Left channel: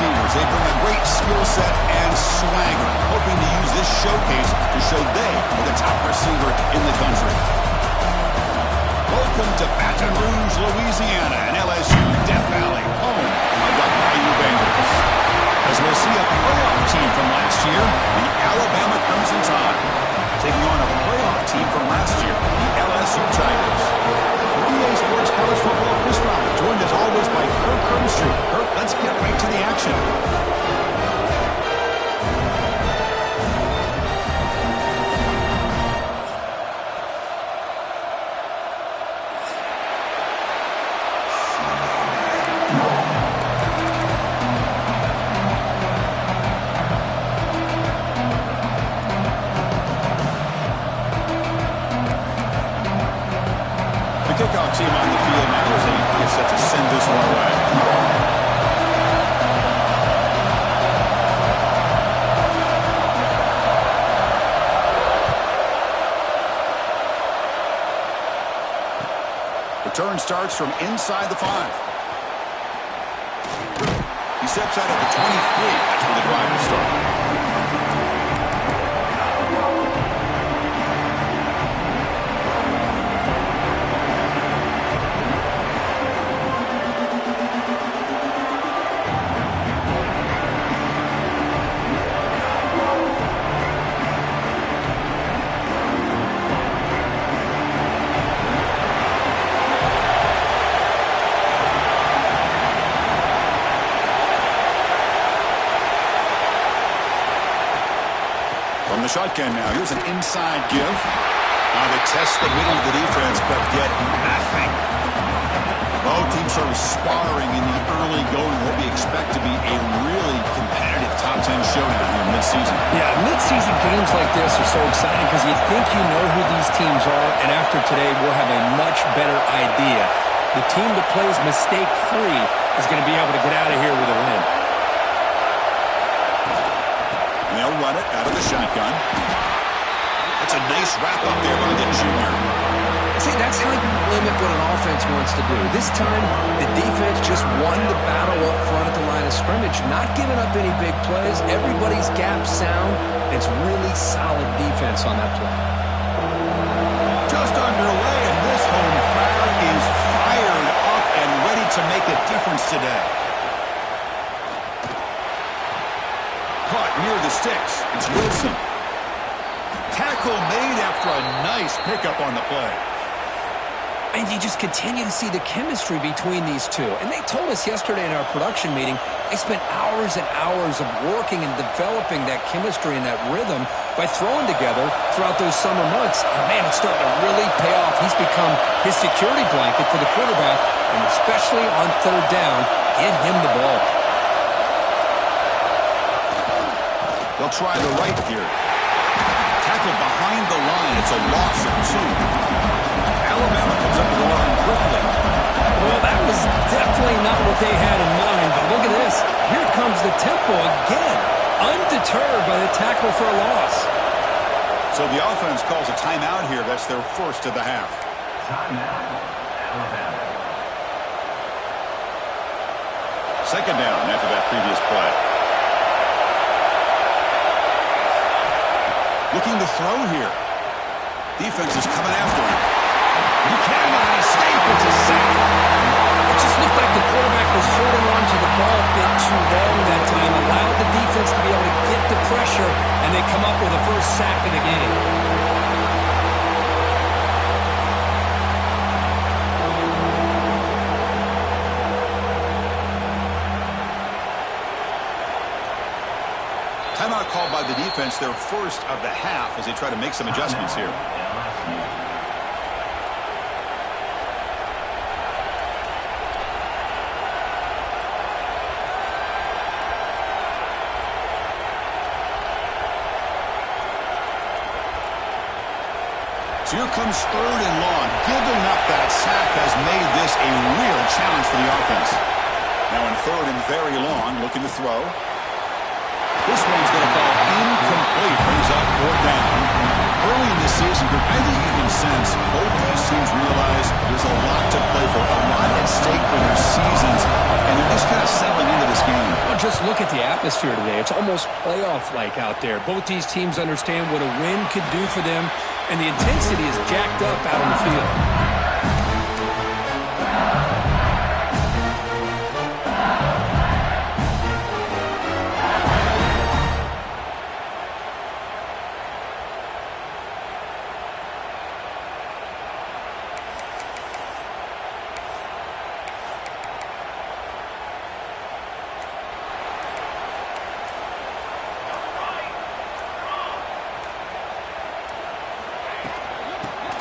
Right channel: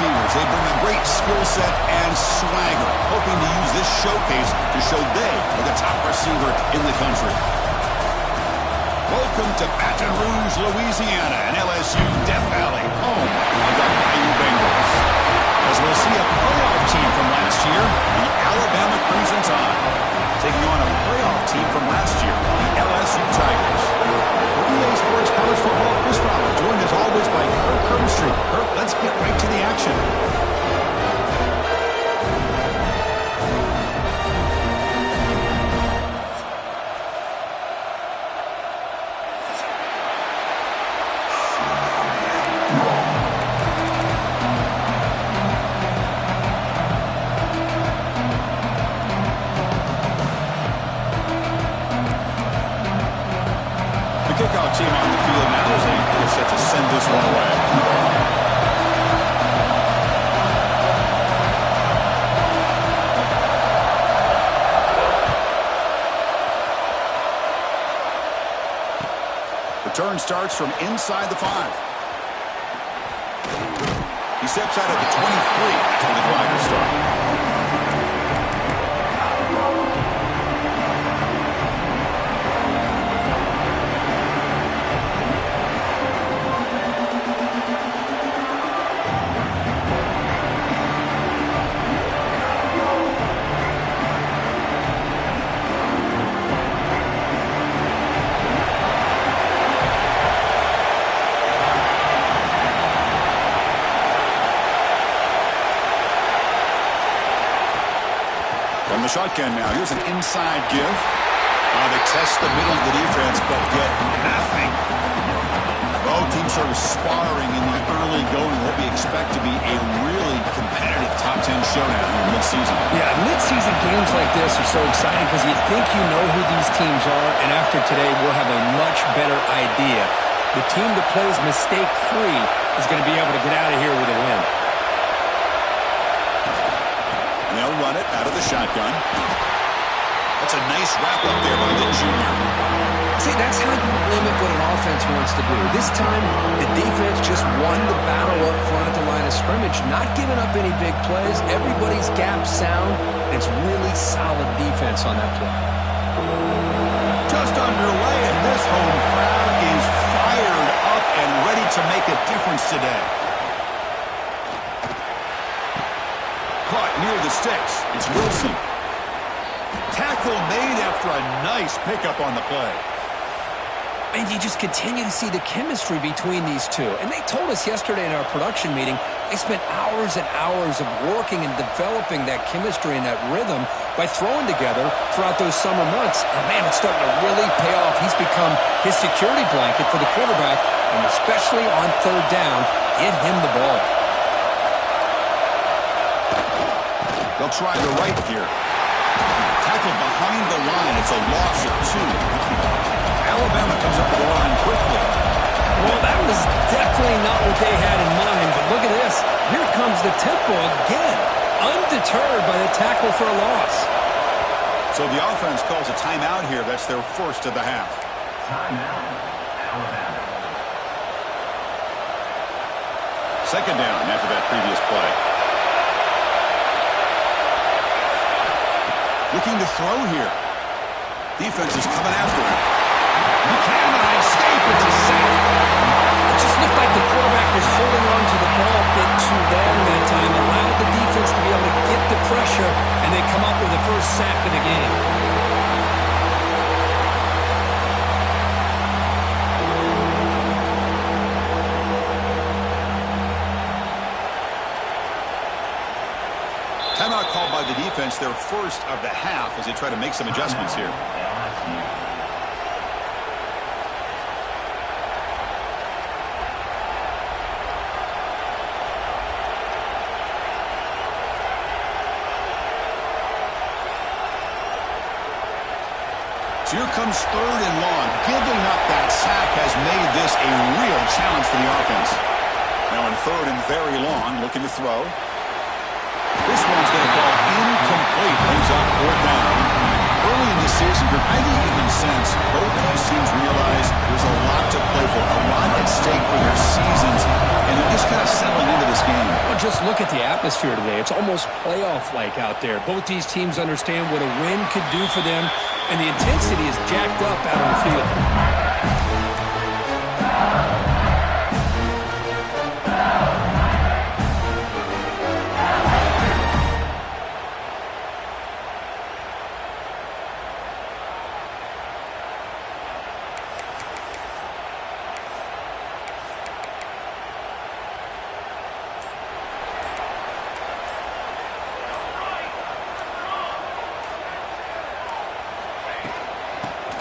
receivers. They bring a great skill set and swagger, hoping to use this showcase to show they are the top receiver in the country. Welcome to Baton Rouge, Louisiana, and LSU Death Valley, home of the Bayou Bengals. As we'll see a playoff team from last year, the Alabama Crimson Tide, taking on a playoff team from last year, the LSU Tigers. For EA Sports College Football, Chris Fowler, joined as always by Kirk Herbstreit. Kirk, let's get right to the action. Kickoff team on the field now as they get set to send this one away. Return starts from inside the 5. He steps out at the 23. That's where the drive will start. From the shotgun now, here's an inside give. They test the middle of the defense, but get nothing. Both teams sort of sparring in the early going, what we expect to be a really competitive top 10 showdown here mid-season. Yeah, mid-season games like this are so exciting because you think you know who these teams are, and after today, we'll have a much better idea. The team that plays mistake-free is going to be able to get out of here with a win. And they'll run it out of the shotgun. That's a nice wrap-up there by the junior. See, that's how you limit what an offense wants to do. This time, the defense just won the battle up front at the line of scrimmage, not giving up any big plays. Everybody's gap sound. It's really solid defense on that play. Just underway, and this home crowd is fired up and ready to make a difference today. Caught near the sticks. It's Wilson. Tackle made after a nice pickup on the play. And you just continue to see the chemistry between these two. And they told us yesterday in our production meeting, they spent hours and hours of working and developing that chemistry and that rhythm by throwing together throughout those summer months. And, man, it's starting to really pay off. He's become his security blanket for the quarterback, and especially on third down, get him the ball. They'll try the right here. Tackled behind the line. It's a loss of 2. Alabama comes up the line quickly. Well, that was definitely not what they had in mind, but look at this. Here comes the tempo again, undeterred by the tackle for a loss. So the offense calls a timeout here. That's their first of the half. Timeout, Alabama. Second down after that previous play. Looking to throw here. Defense is coming after him. He cannot escape. It's a sack. It just looked like the quarterback was holding on to the ball a bit too long that time, allowed the defense to be able to get the pressure, and they come up with the first sack of the game. Timeout called by the defense, their first of the half, as they try to make some adjustments here. So here comes third and long. Giving up that sack has made this a real challenge for the offense. Now in third and very long, looking to throw. This one's going to fall incomplete. Brings up fourth down. Early in this season group, I think you can sense both these teams realize there's a lot to play for, a lot at stake for their seasons, and they're just kind of settling into this game. Well, just look at the atmosphere today. It's almost playoff-like out there. Both these teams understand what a win could do for them, and the intensity is jacked up out on the field.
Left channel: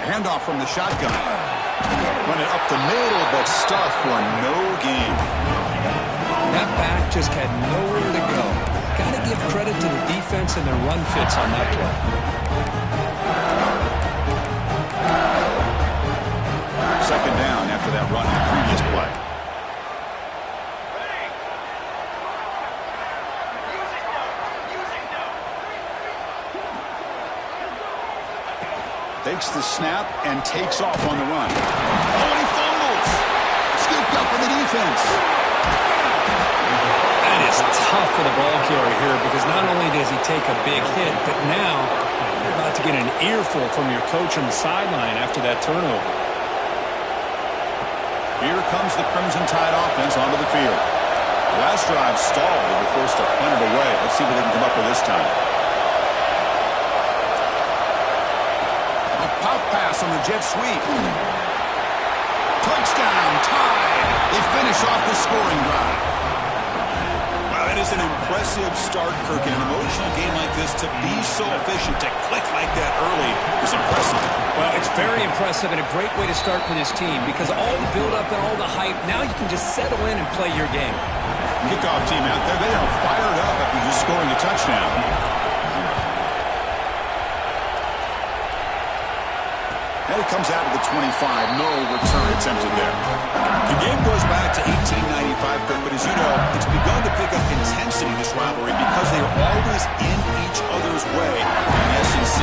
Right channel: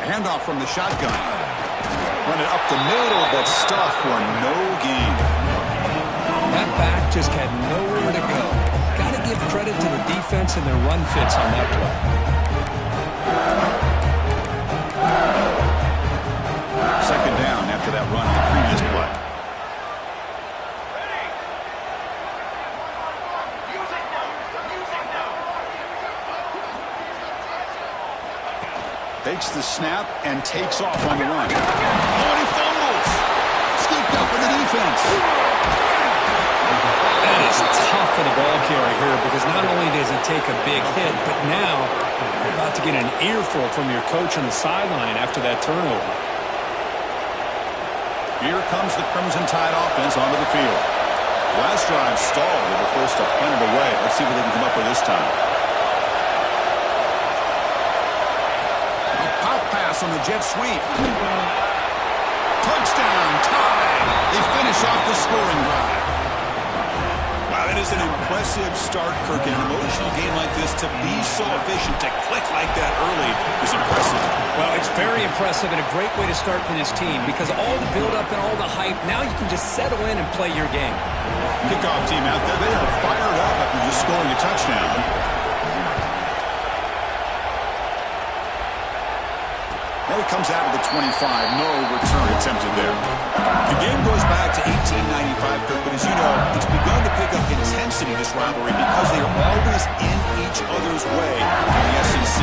Handoff from the shotgun. Run it up the middle, but stuff for no gain. That back just had nowhere to go. Got to give credit to the defense and their run fits on that play. Second down after that run in the previous play. Takes the snap and takes off on the run. Oh, and he fumbles. Scooped up with the defense. That is tough for the ball carrier here because not only does he take a big hit, but now you're about to get an earful from your coach on the sideline after that turnover. Here comes the Crimson Tide offense onto the field. Last drive stalled. They were forced to punt it away. Let's see what they can come up with this time. Pop pass on the jet sweep. Touchdown, Tide. They finish off the scoring drive. Wow, that is an impressive start, Kirk. In an emotional game like this, to be so efficient, to click like that early is impressive. Well, it's very impressive and a great way to start for this team because all the build-up and all the hype, now you can just settle in and play your game. Kickoff team out there, they are fired up after just scoring a touchdown. And it comes out of the 25. No return attempted there. The game goes back to 1895, Kirk, but as you know, it's begun to pick up intensity, this rivalry, because they are always in each other's way in the SEC.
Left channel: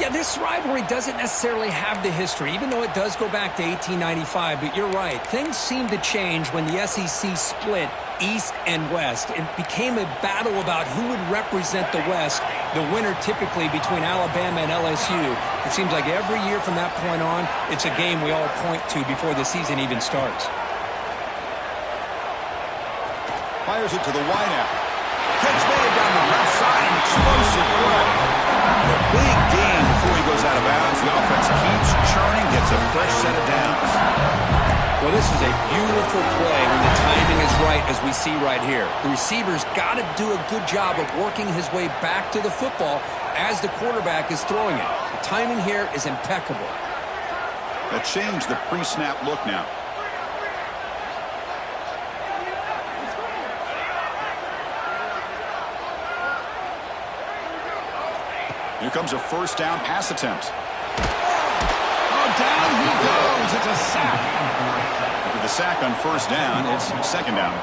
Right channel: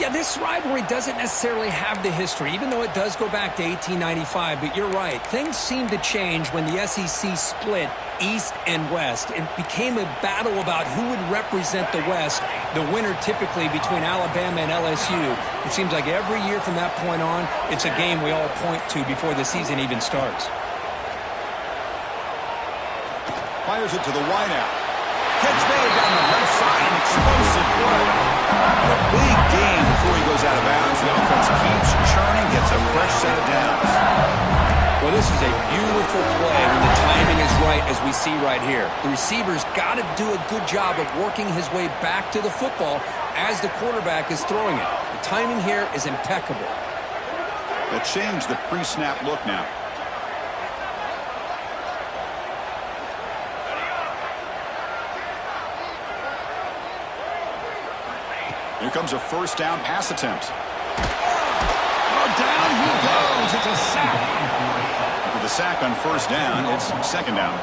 Yeah, this rivalry doesn't necessarily have the history, even though it does go back to 1895, but you're right. Things seem to change when the SEC split East and West. It became a battle about who would represent the West, the winner typically between Alabama and LSU. It seems like every year from that point on, it's a game we all point to before the season even starts. Fires it to the wideout. Catch made down the left side, an explosive play. And a big gain before he goes out of bounds. The offense keeps churning, gets a fresh set of downs. Well, this is a beautiful play when the timing is right, as we see right here. The receiver's got to do a good job of working his way back to the football as the quarterback is throwing it. The timing here is impeccable. They'll change the pre-snap look now. Here comes a first down pass attempt. Oh, down he goes. It's a sack. After the sack on first down, it's second down.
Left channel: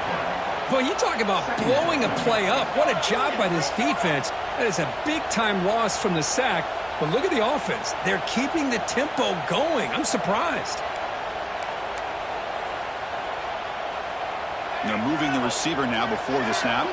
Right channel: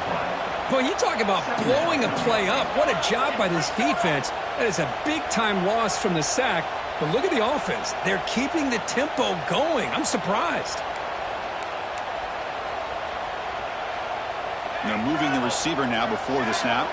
Well, you talk about blowing a play up. What a job by this defense. That is a big-time loss from the sack. But look at the offense. They're keeping the tempo going. I'm surprised. They're moving the receiver now before the snap.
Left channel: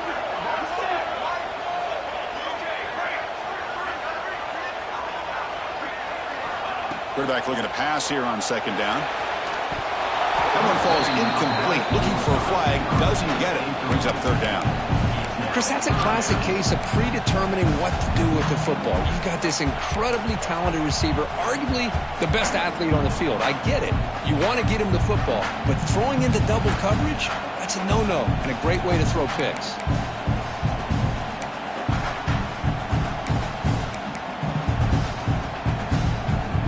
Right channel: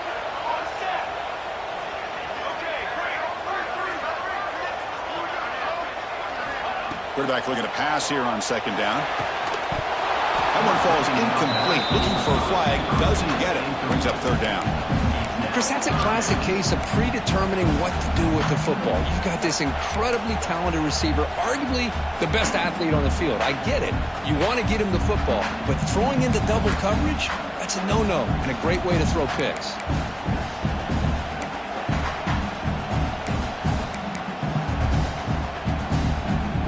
Quarterback looking to pass here on second down. That one falls incomplete. Looking for a flag. Doesn't get it. Brings up third down. Chris, that's a classic case of predetermining what to do with the football. You've got this incredibly talented receiver, arguably the best athlete on the field. I get it. You want to get him the football. But throwing into double coverage, that's a no-no and a great way to throw picks.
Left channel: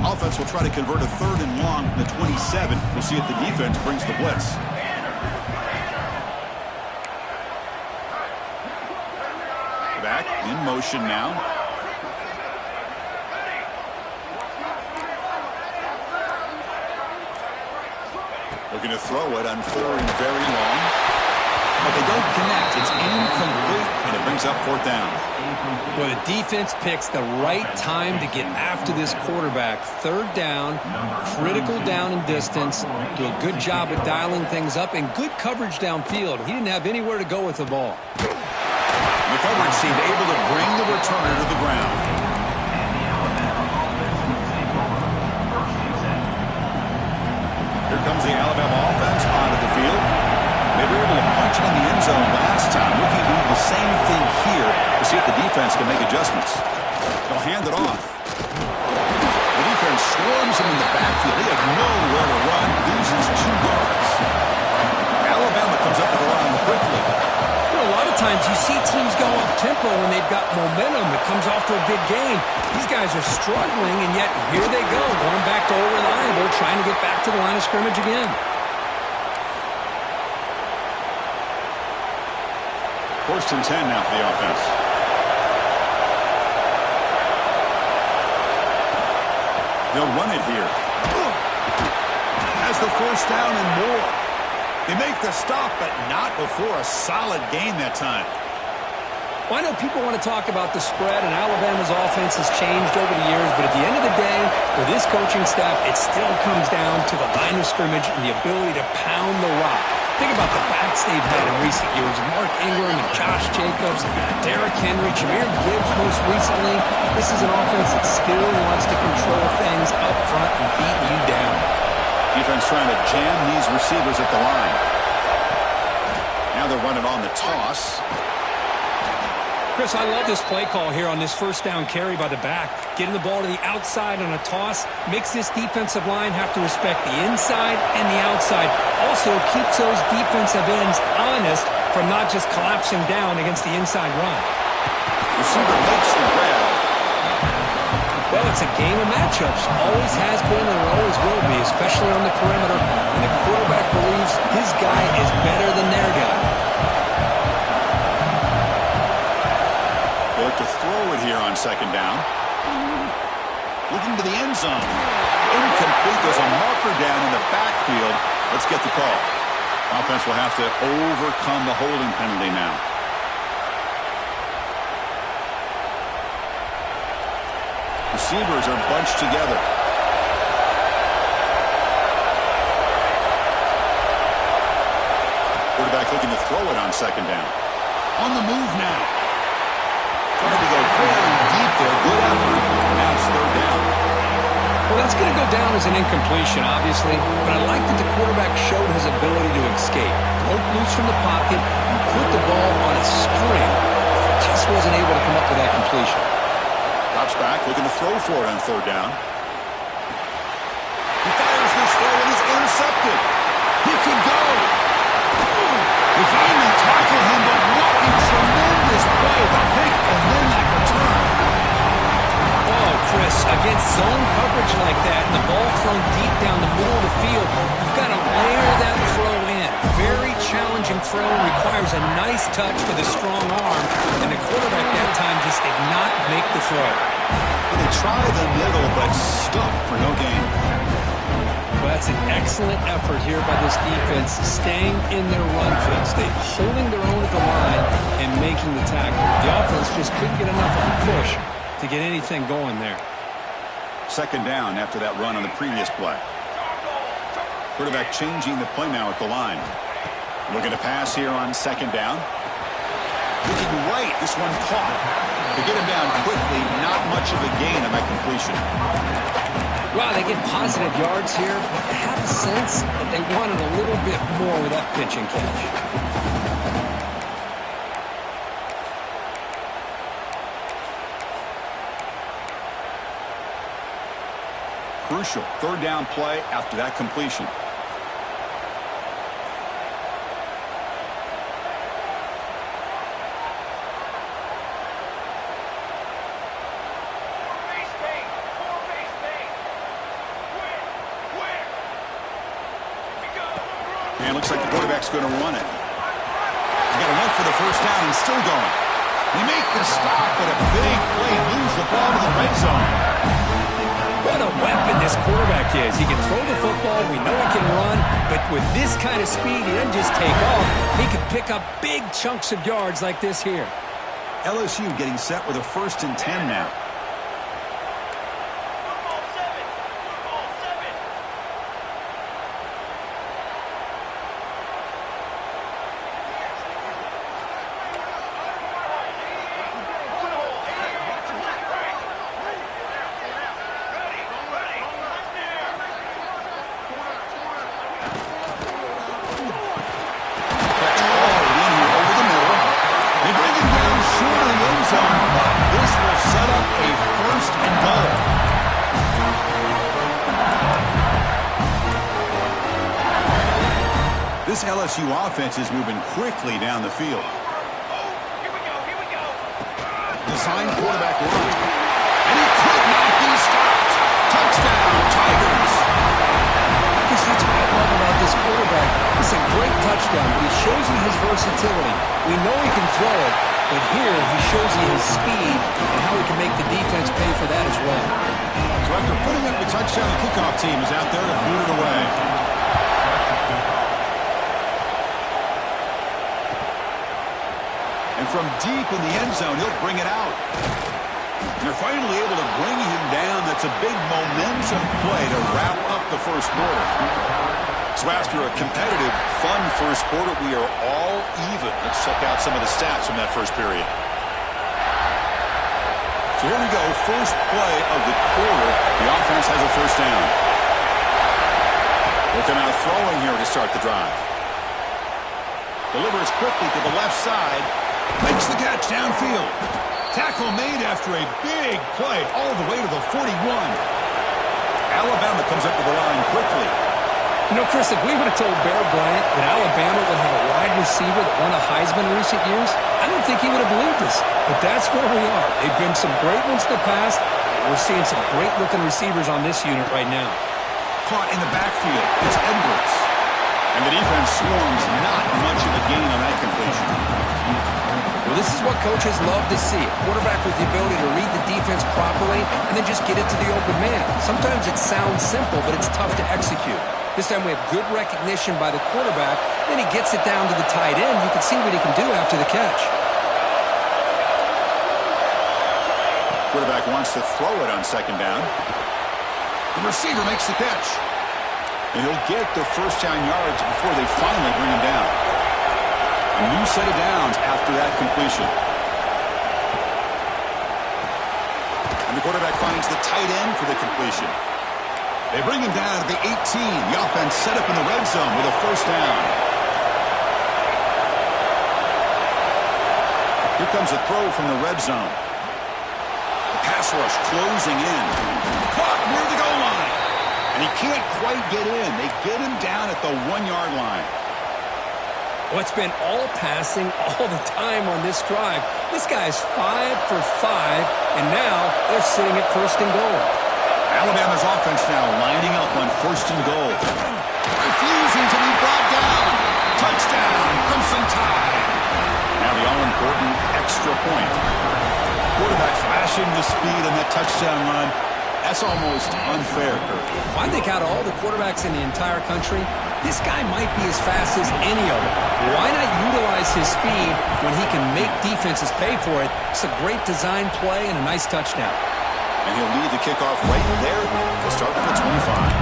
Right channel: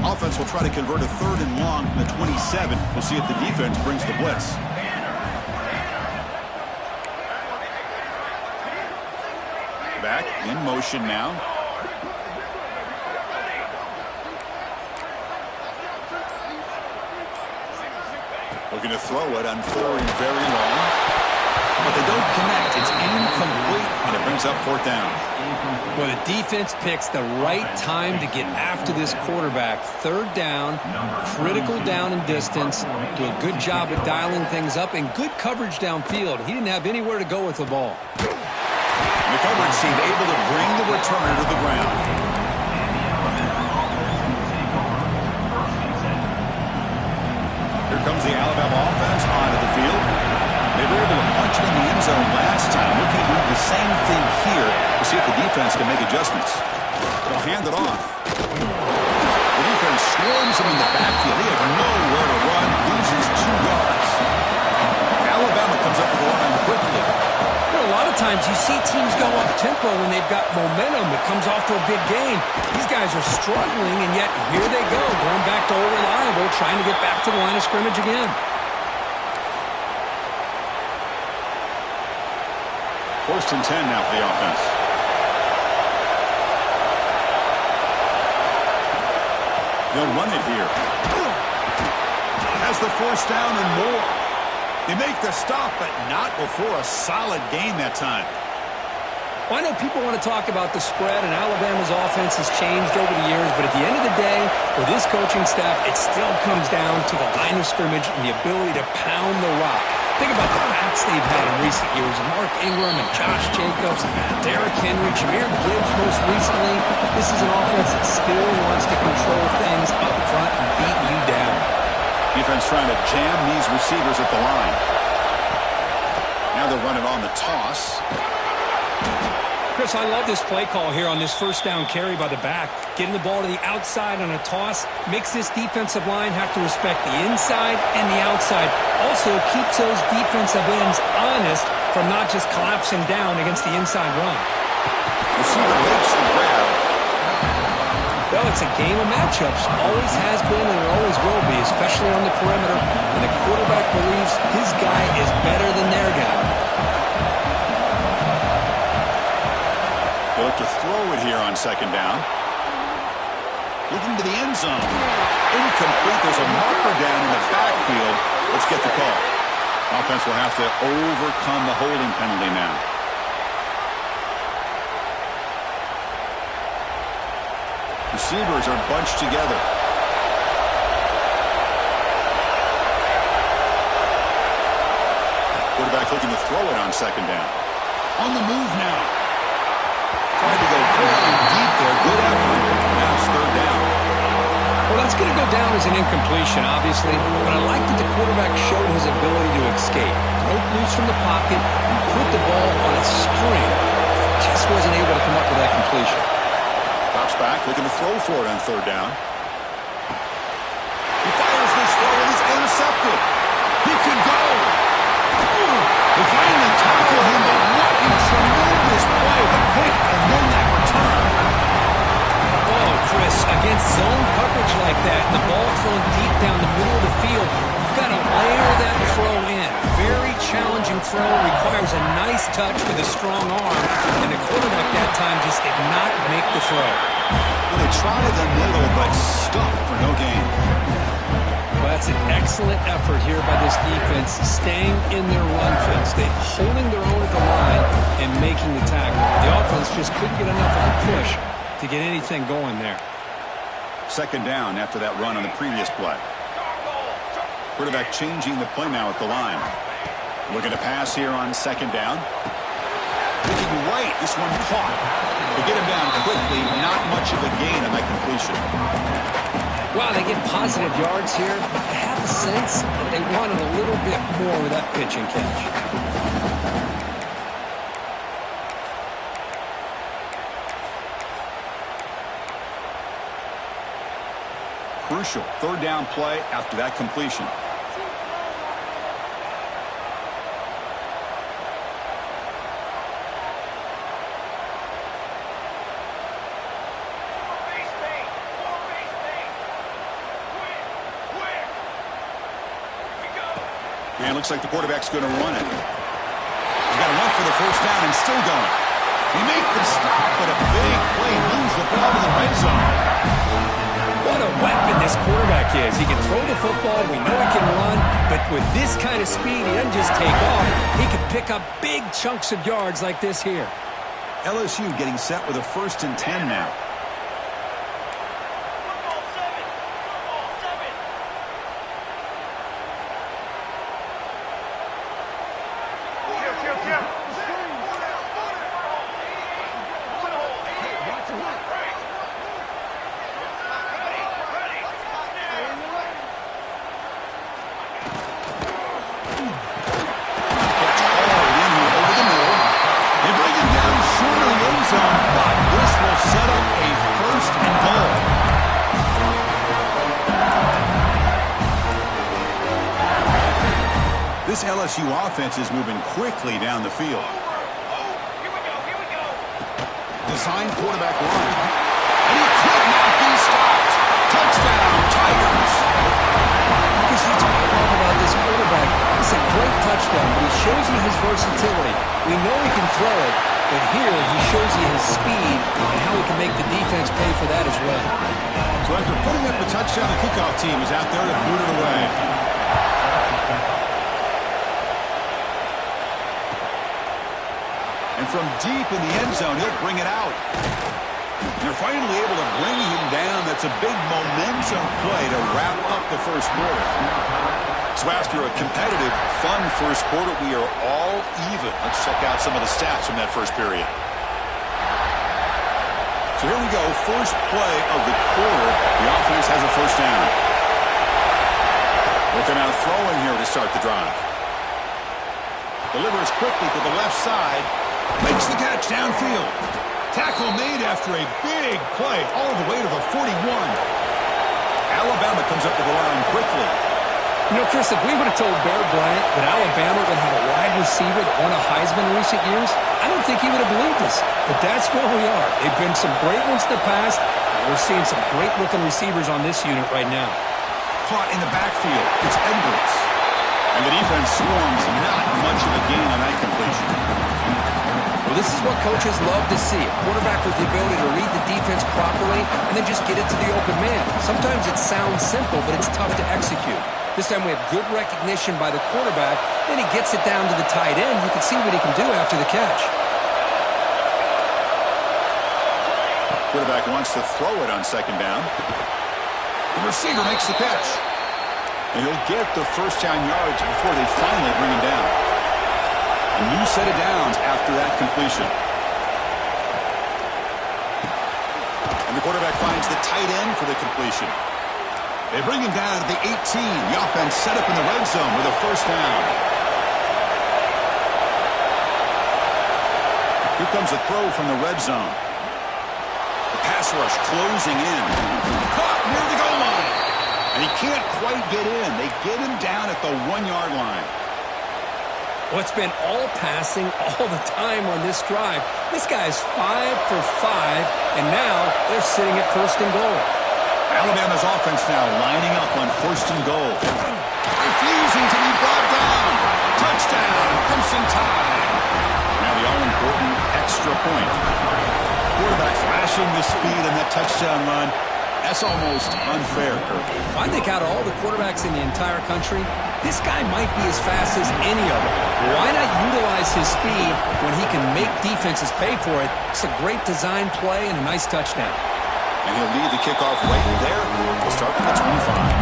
Offense will try to convert a third and long from the 27. We'll see if the defense brings the blitz. Back in motion now. Looking to throw it on third and very long. But they don't connect. It's incomplete, and it brings brings up 4th down. Well, the defense picks the right time to get after this quarterback. 3rd down, critical down and distance. Do a good job of dialing things up and good coverage downfield. He didn't have anywhere to go with the ball. The coverage seemed able to bring the returner to the ground. Here comes the Alabama offense onto the field. They were able to punch it in the end zone last time. Looking to do the same thing here to see if the defense can make adjustments. They'll hand it off. The defense swarms him in the backfield. He had nowhere to run, loses 2 yards. Alabama comes up with the line quickly. You know, a lot of times you see teams go up-tempo when they've got momentum. It comes off to a big game. These guys are struggling, and yet here they go, going back to old reliable, trying to get back to the line of scrimmage again. 1st and 10 now for the offense. They'll run it here. Has the 1st down and more. They make the stop, but not before a solid gain that time. Well, I know people want to talk about the spread, and Alabama's offense has changed over the years, but at the end of the day, with this coaching staff, it still comes down to the line of scrimmage and the ability to pound the rock. Think about the backs they've had in recent years. Mark Ingram and Josh Jacobs, Derrick Henry, Jahmyr Gibbs most recently. This is an offense that still wants to control things up front and beat you down. Defense trying to jam these receivers at the line. Now they'll run it on the toss. Chris, I love this play call here on this 1st down carry by the back. Getting the ball to the outside on a toss makes this defensive line have to respect the inside and the outside. Also keeps those defensive ends honest from not just collapsing down against the inside run. Receiver makes the grab. Well, it's a game of matchups. Always has been and it always will be, especially on the perimeter. And the quarterback believes his guy is better than their guy. They look to throw it here on 2nd down. Looking to the end zone. Incomplete. There's a marker down in the backfield. Let's get the call. Offense will have to overcome the holding penalty now. Receivers are bunched together. Quarterback looking to throw it on 2nd down. On the move now. Tried to go fairly deep there. Good effort. Now it's 3rd down. Well, that's going to go down as an incompletion, obviously, but I like that the quarterback showed his ability to escape. Broke loose from the pocket and put the ball on a string. Just wasn't able to come up with that completion. Drops back, looking to throw for it on 3rd down. He fires this throw and is intercepted. He could go. They finally tackle him, but what a tremendous play. The pick and then that return. Oh, Chris, against zone coverage like that, and the ball thrown deep down the middle of the field, you've got to layer that throw in. Very challenging throw, requires a nice touch with a strong arm, and the quarterback that time just did not make the throw. Well, they try the middle, but stuffed for no gain. Well, that's an excellent effort here by this defense, staying in their run fence. They holding their own at the line and making the tackle. The offense just couldn't get enough of a push to get anything going there. 2nd down after that run on the previous play. Quarterback changing the play now at the line. Looking to pass here on 2nd down. Looking right, this one caught. To get him down quickly, not much of a gain on that completion. Wow, they get positive yards here, but I have a sense that they wanted a little bit more with that pitch and catch. Crucial 3rd down play after that completion. And looks like the quarterback's going to run it. He's got to look for the 1st down and still going. They make the stop, but a big play moves the ball to the red zone. What a weapon this quarterback is. He can throw the football. We know he can run. But with this kind of speed, he doesn't just take off. He can pick up big chunks of yards like this here. LSU getting set with a 1st and 10 now. This LSU offense is moving quickly down the field. Here we go. Designed quarterback run. And he could not be stopped. Touchdown, Tigers. I guess that's what I love about this quarterback. It's a great touchdown, but he shows you his versatility. We know he can throw it, but here he shows you his speed and how he can make the defense pay for that as well. So after putting up the touchdown, the kickoff team is out there to boot it away. And from deep in the end zone, he'll bring it out. And they're finally able to bring him down. That's a big momentum play to wrap up the first quarter. So after a competitive, fun first quarter, we are all even. Let's check out some of the stats from that first period. So here we go, first play of the quarter. The offense has a first down. Looking out throwing here to start the drive. Delivers quickly to the left side. Makes the catch downfield. Tackle made after a big play all the way to the 41. Alabama comes up to the line quickly. You know, Chris, if we would have told Bear Bryant that Alabama would have a wide receiver that won a Heisman in recent years, I don't think he would have believed us. But that's where we are. They've been some great ones in the past. We're seeing some great-looking receivers on this unit right now. Caught in the backfield. It's Edwards. And the defense swarms not much of a gain on that completion. Well, this is what coaches love to see. A quarterback with the ability to read the defense properly and then just get it to the open man. Sometimes it sounds simple, but it's tough to execute. This time we have good recognition by the quarterback. Then he gets it down to the tight end. You can see what he can do after the catch. Quarterback wants to throw it on second down. The receiver makes the catch. And he'll get the first down yards before they finally bring him down. A new set of downs after that completion. And the quarterback finds the tight end for the completion. They bring him down to the 18. The offense set up in the red zone with a first down. Here comes a throw from the red zone. The pass rush closing in. Caught near the goal line. And he can't quite get in. They get him down at the 1-yard line. Well, it's been all passing all the time on this drive. This guy's 5 for 5, and now they're sitting at first and goal. Alabama's offense now lining up on first and goal. Refusing to be brought down. Touchdown, Crimson Tide. Now the all-important extra point. Quarterback flashing the speed on that touchdown run. That's almost unfair, Kirk. I think out of all the quarterbacks in the entire country, this guy might be as fast as any of them. Why not utilize his speed when he can make defenses pay for it? It's a great design play and a nice touchdown. And he'll lead the kickoff right there. We'll start from the 25.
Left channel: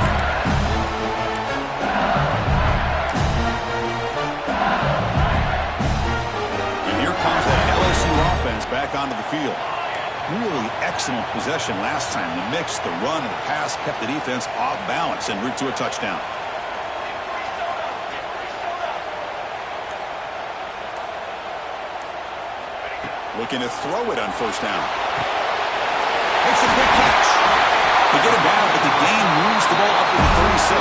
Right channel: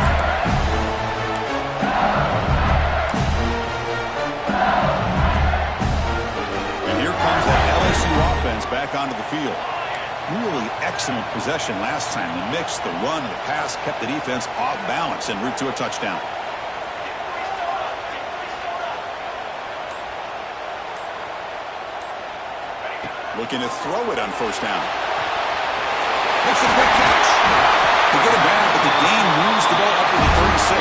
And here comes that LSU offense back onto the field. Really excellent possession last time. The mix, the run, and the pass kept the defense off balance en route to a touchdown. Looking to throw it on first down. Makes a quick catch. They get it down, but the gain moves the ball up to the 36.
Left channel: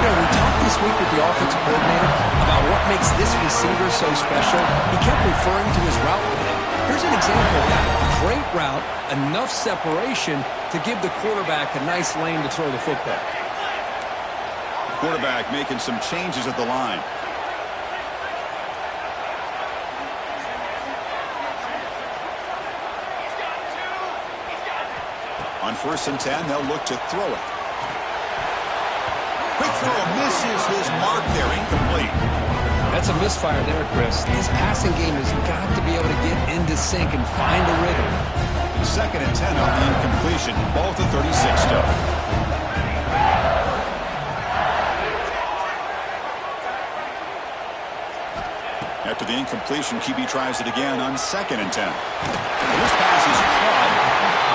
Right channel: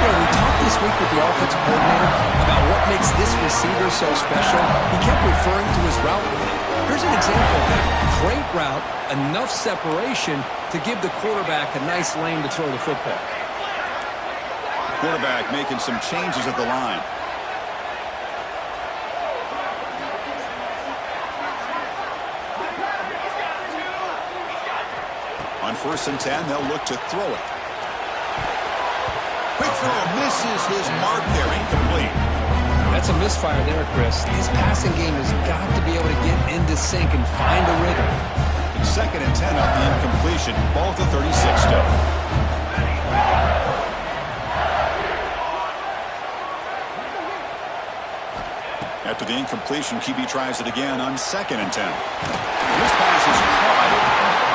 You know, we talked this week with the offensive coordinator about what makes this receiver so special. He kept referring to his route running. Here's an example of that. Great route, enough separation to give the quarterback a nice lane to throw the football. Quarterback making some changes at the line. On first and 10, they'll look to throw it. Quick throw, misses his mark there, incomplete. That's a misfire there, Chris. This passing game has got to be able to get into sync and find a rhythm. It's 2nd and 10 off the incompletion. Ball to 36 still. After the incompletion, QB tries it again on 2nd and 10. This pass is caught,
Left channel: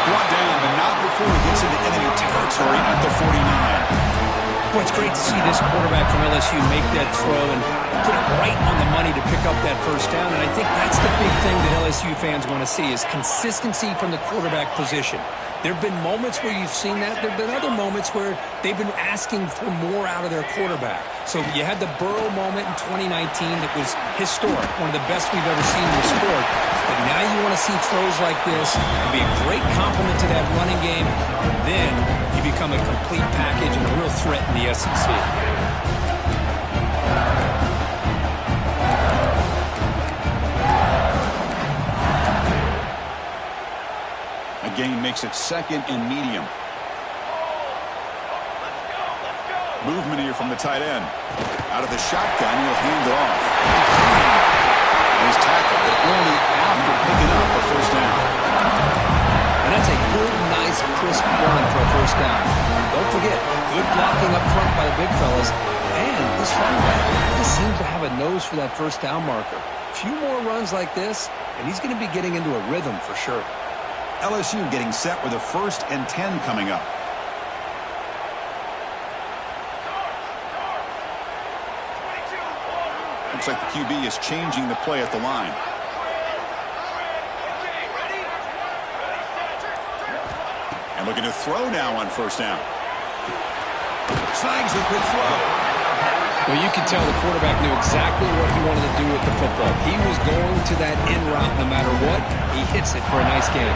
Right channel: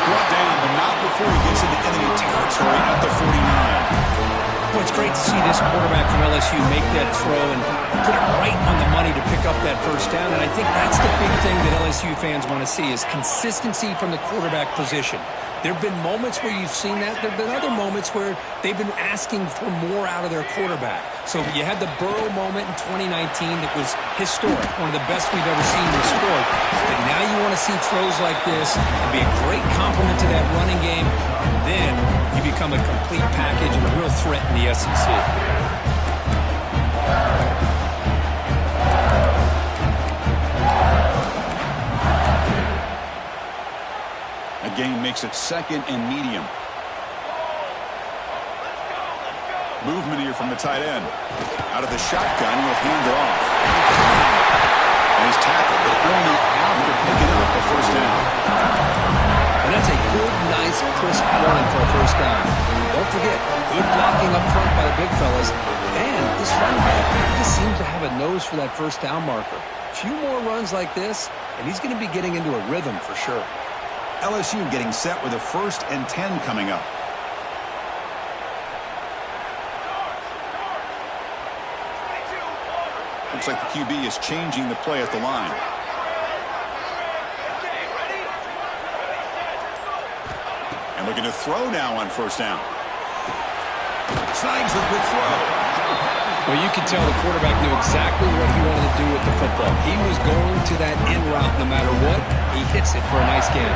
brought down, but not before he gets into enemy territory at the 49. Boy, it's great to see this quarterback from LSU make that throw and put it right on the money to pick up that first down. And I think that's the big thing that LSU fans want to see is consistency from the quarterback position. There have been moments where you've seen that. There have been other moments where they've been asking for more out of their quarterback. So you had the Burrow moment in 2019 that was historic, one of the best we've ever seen in the sport. But now you want to see throws like this and be a great complement to that running game. And then you become a complete package and a real threat in the SEC. Gain makes it 2nd and medium. Movement here from the tight end. Out of the shotgun, he'll hand it off. And he's tackled, but only after picking up a first down. And that's a good, nice, crisp run for a first down. Don't forget, good blocking up front by the big fellas. And this running back just seems to have a nose for that first down marker. A few more runs like this, and he's going to be getting into a rhythm for sure. LSU getting set with a 1st and 10 coming up. Looks like the QB is changing the play at the line. And looking to throw now on first down. Snags the quick throw. Well, you could tell the quarterback knew exactly what he wanted to do with the football. He was going to that in route no matter what. He hits it for a nice gain.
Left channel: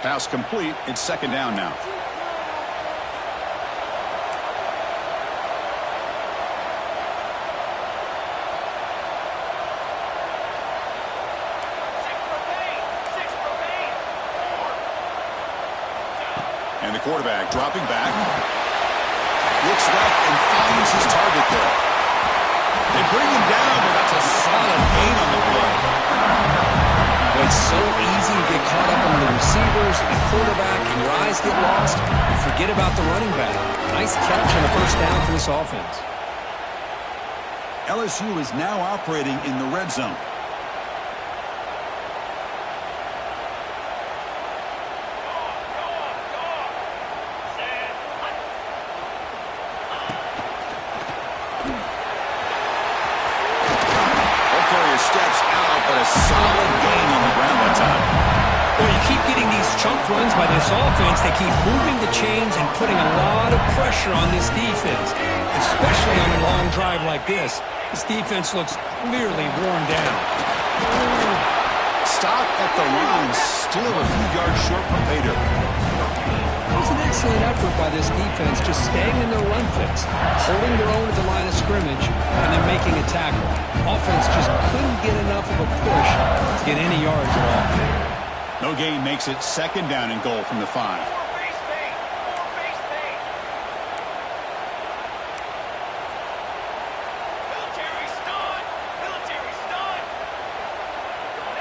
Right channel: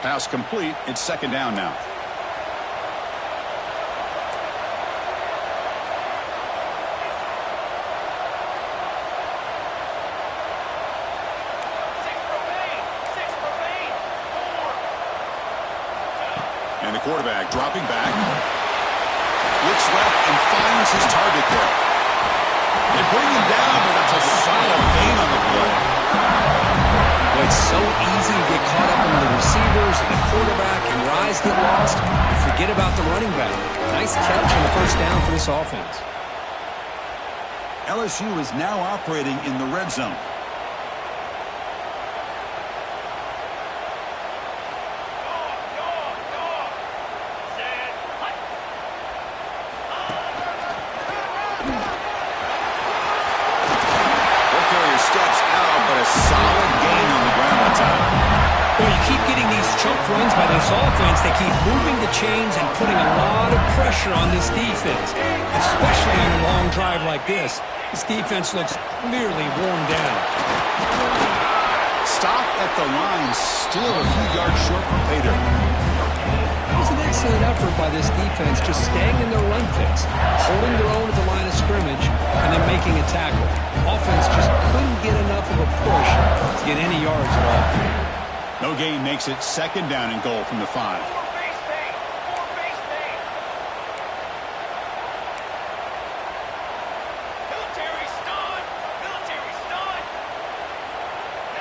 Pass complete. It's 2nd down now. And the quarterback dropping back. Looks left and finds his target there. They bring him down, but that's a solid gain on the play. Well, it's so easy to get caught up in the receivers and the quarterback, and your eyes get lost. You forget about the running back. Nice catch on the first down for this offense. LSU is now operating in the red zone. Steps out, but a solid gain on the ground that time. Well, you keep getting these chunk runs by this offense. They keep moving the chains and putting a lot of pressure on this defense, especially on a long drive like this. This defense looks clearly worn down. Stop at the line, still a few yards short from pay dirt. It was an excellent effort by this defense, just staying in their run fits, holding their own at the line of scrimmage, and then making a tackle. Offense just couldn't get enough of a push to get any yards at all. No gain makes it 2nd down and goal from the 5.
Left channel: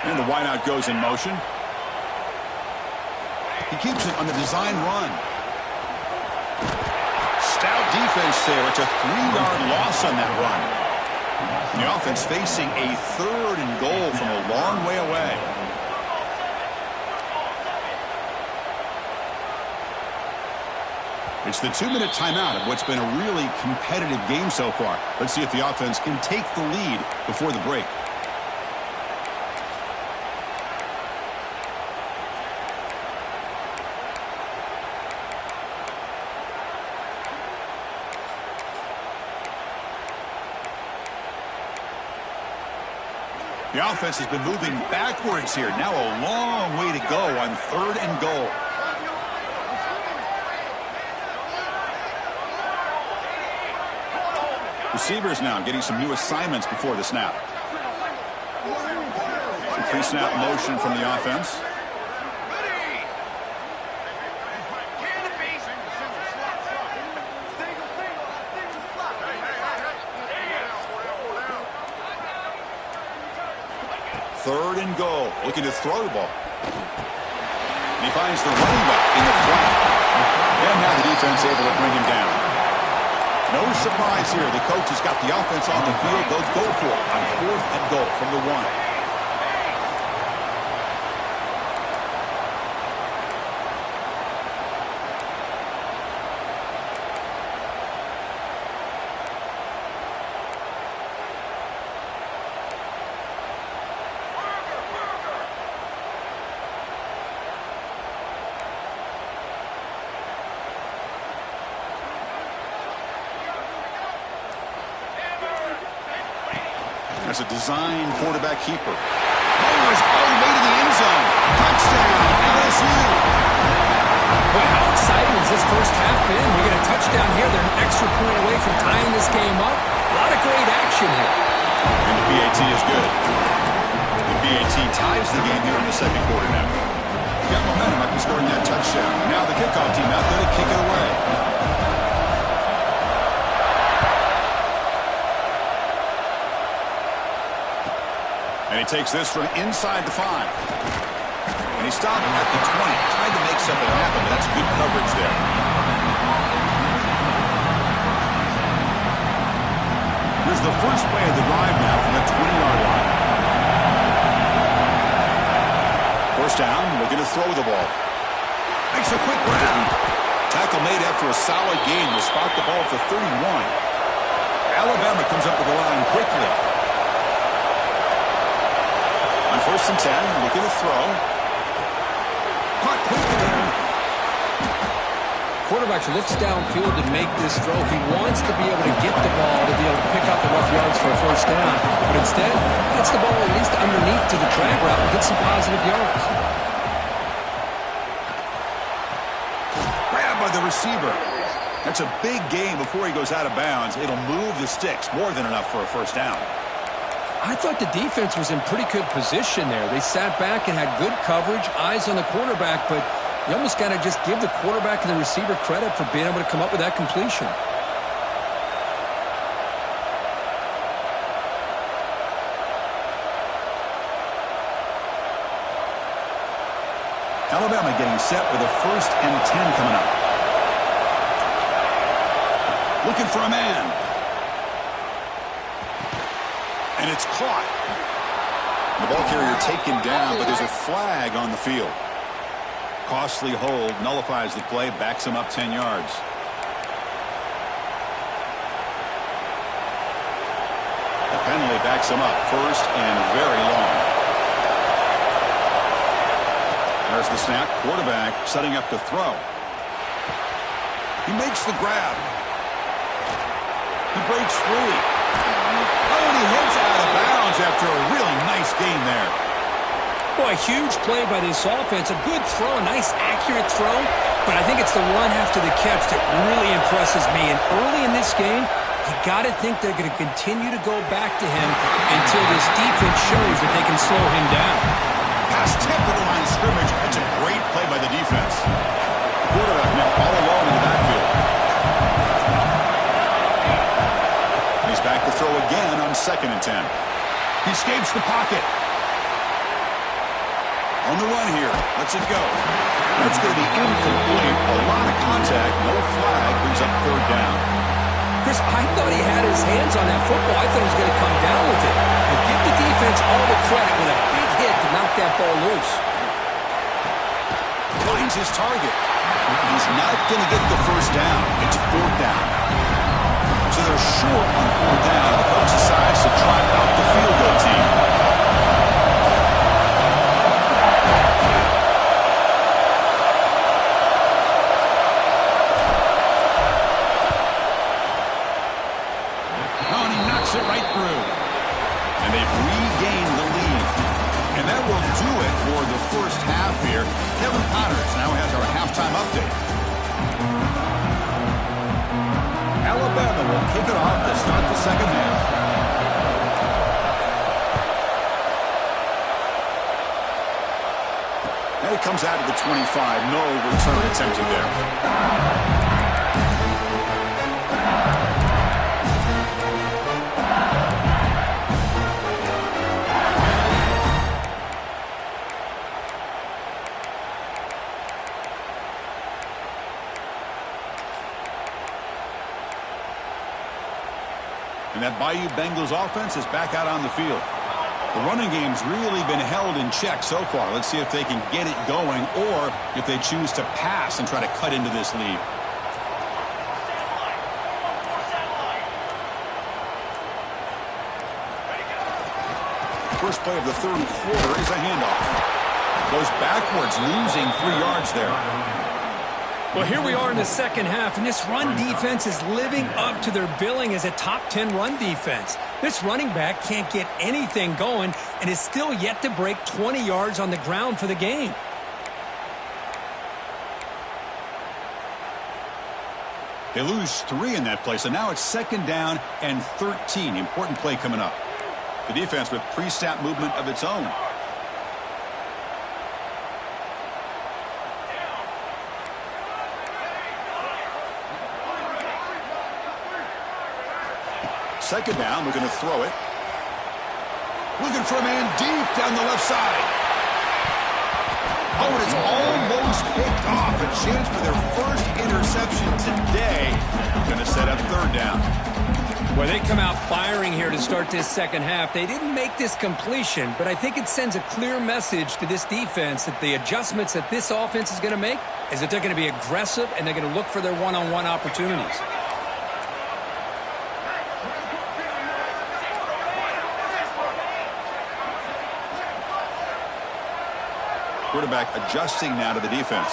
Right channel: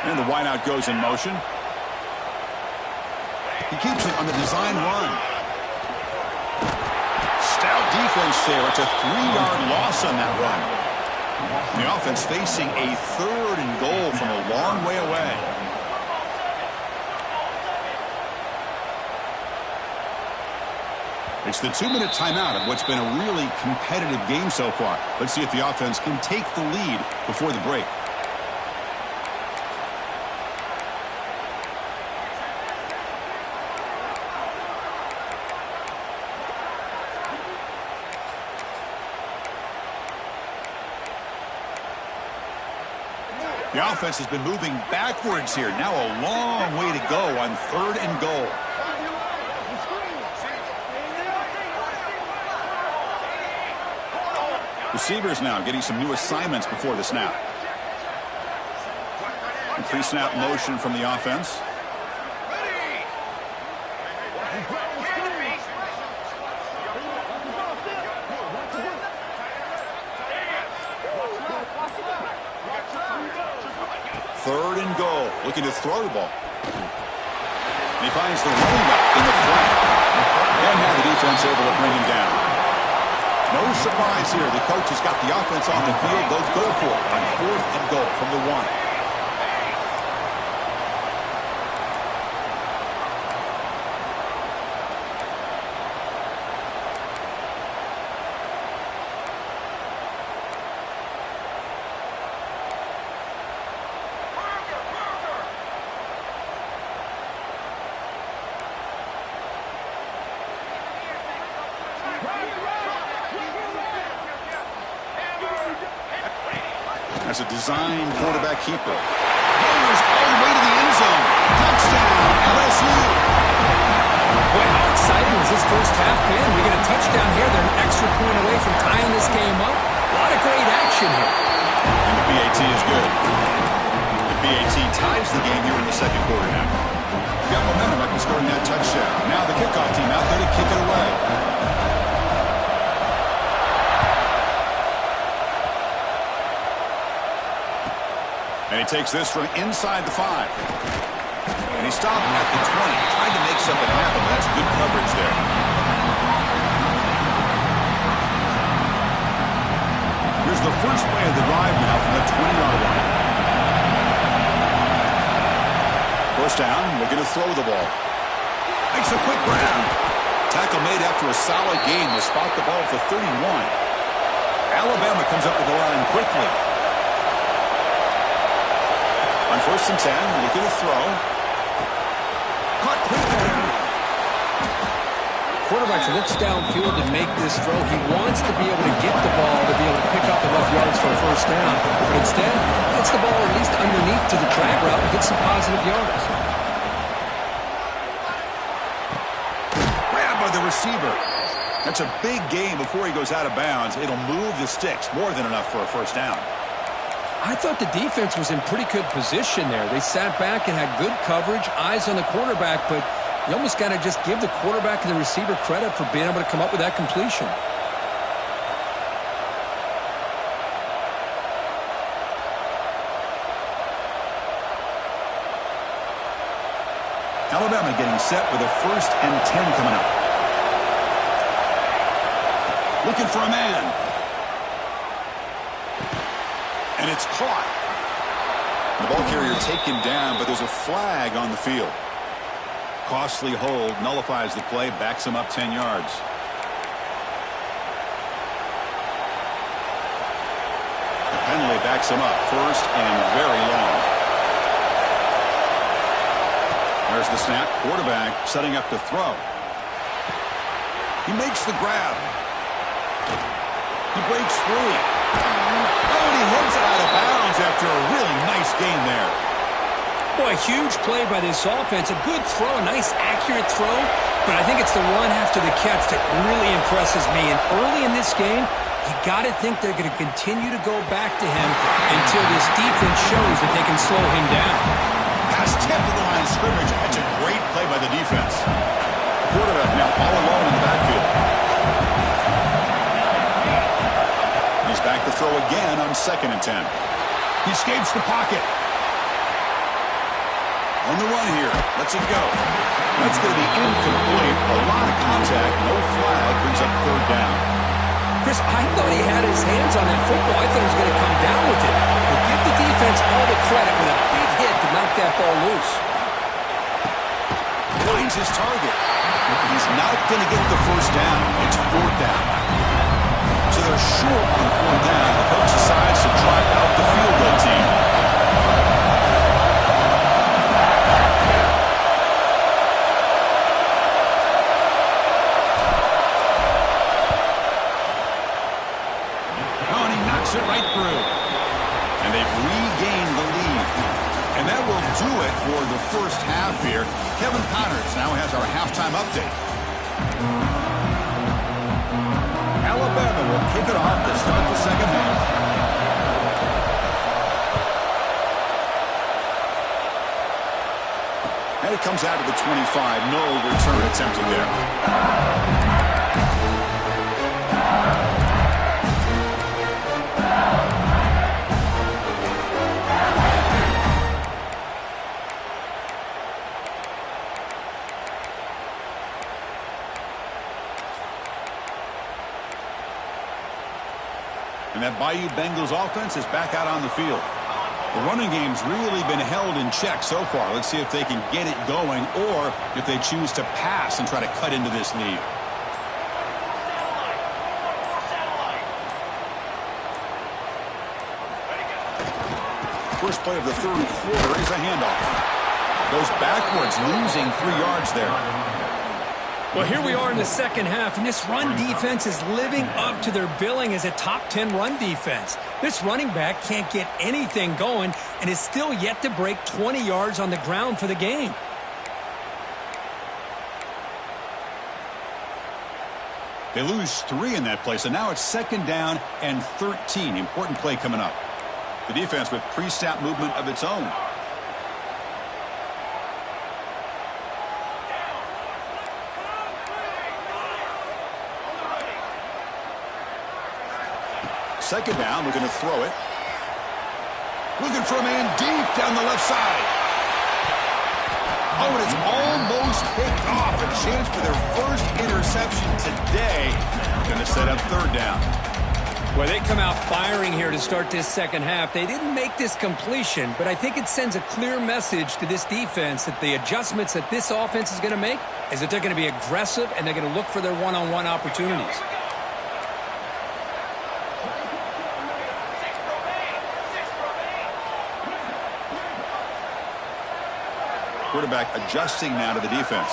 And the wideout goes in motion. He keeps it on the design run. Stout defense there. It's a 3-yard loss on that run. The offense facing a 3rd and goal from a long way away. It's the 2-minute timeout of what's been a really competitive game so far. Let's see if the offense can take the lead before the break. The offense has been moving backwards here. Now a long way to go on 3rd and goal. Receivers now getting some new assignments before the snap. Pre-snap motion from the offense. Ready. Canopy. 3rd and goal. Looking to throw the ball. And he finds the running back in the flank. And now the defense able to bring him down. No surprise here. The coach has got the offense on the field. They'll go for it on 4th and goal from the 1. That's a design quarterback keeper. Mowers all the way to the end zone. Touchdown, LSU. Boy, how exciting has this first half been? We get a touchdown here. They're an extra point away from tying this game up. A lot of great action here. And the BAT is good. The BAT ties the game here in the 2nd quarter now. Got momentum after scoring that touchdown. Now the kickoff team out there to kick it away. And he takes this from inside the 5. And he stopped at the 20. Tried to make something happen, but that's good coverage there. Here's the first play of the drive now from the 20-yard line. First down, looking to throw the ball. Makes a quick grab. Tackle made after a solid gain will spot the ball at the 31. Alabama comes up with the line quickly. On 1st and 10, looking to throw. Caught quickly. Quarterback looks downfield to make this throw. He wants to be able to get the ball to be able to pick up enough yards for a first down. But instead, gets the ball at least underneath to the drag route and gets some positive yards. Grabbed by the receiver. That's a big gain before he goes out of bounds. It'll move the sticks. More than enough for a first down. I thought the defense was in pretty good position there. They sat back and had good coverage, eyes on the quarterback, but you almost got to just give the quarterback and the receiver credit for being able to come up with that completion. Alabama getting set with a 1st and 10 coming up. Looking for a man. And it's caught. The ball carrier taken down, but there's a flag on the field. Costly hold, nullifies the play, backs him up 10 yards. The penalty backs him up 1st and very long. There's the snap. Quarterback setting up to throw. He makes the grab. He breaks free. Oh, and he heads out of bounds after a really nice gain there. Boy, huge play by this offense. A good throw, a nice accurate throw. But I think it's the run after the catch that really impresses me. And early in this game, you got to think they're going to continue to go back to him until this defense shows that they can slow him down. Pass tipped to the line of scrimmage. That's a great play by the defense. The quarterback now all alone in the backfield. He's back to throw again on 2nd and 10. He escapes the pocket. On the run here. Lets it go. That's going to be incomplete. A lot of contact. No flag. Brings up 3rd down. Chris, I thought he had his hands on that football. I thought he was going to come down with it. But give the defense all the credit with a big hit to knock that ball loose. Finds his target. He's not going to get the first down. It's 4th down now. So they're short on 4th down. The coach decides to trot out the field goal team. Oh, and he knocks it right through. And they've regained the lead. And that will do it for the first half here. Kevin Connors now has our halftime update. Alabama will kick it off to start the second half. And it comes out to the 25. No return attempted there. And that Bayou Bengals offense is back out on the field. The running game's really been held in check so far. Let's see if they can get it going or if they choose to pass and try to cut into this lead. First play of the third quarter is a handoff. Goes backwards, losing 3 yards there. Well, here we are in the second half, and this run defense is living up to their billing as a top 10 run defense. This running back can't get anything going and is still yet to break 20 yards on the ground for the game. They lose 3 in that play, so now it's second down and 13. Important play coming up. The defense with pre-snap movement of its own. Second down, looking to throw it. Looking for a man deep down the left side. Oh, and it's almost picked off. A chance for their first interception today. Going to set up third down. Well, they come out firing here to start this second half. They didn't make this completion, but I think it sends a clear message to this defense that the adjustments that this offense is going to make is that they're going to be aggressive and they're going to look for their one-on-one opportunities. Quarterback adjusting now to the defense.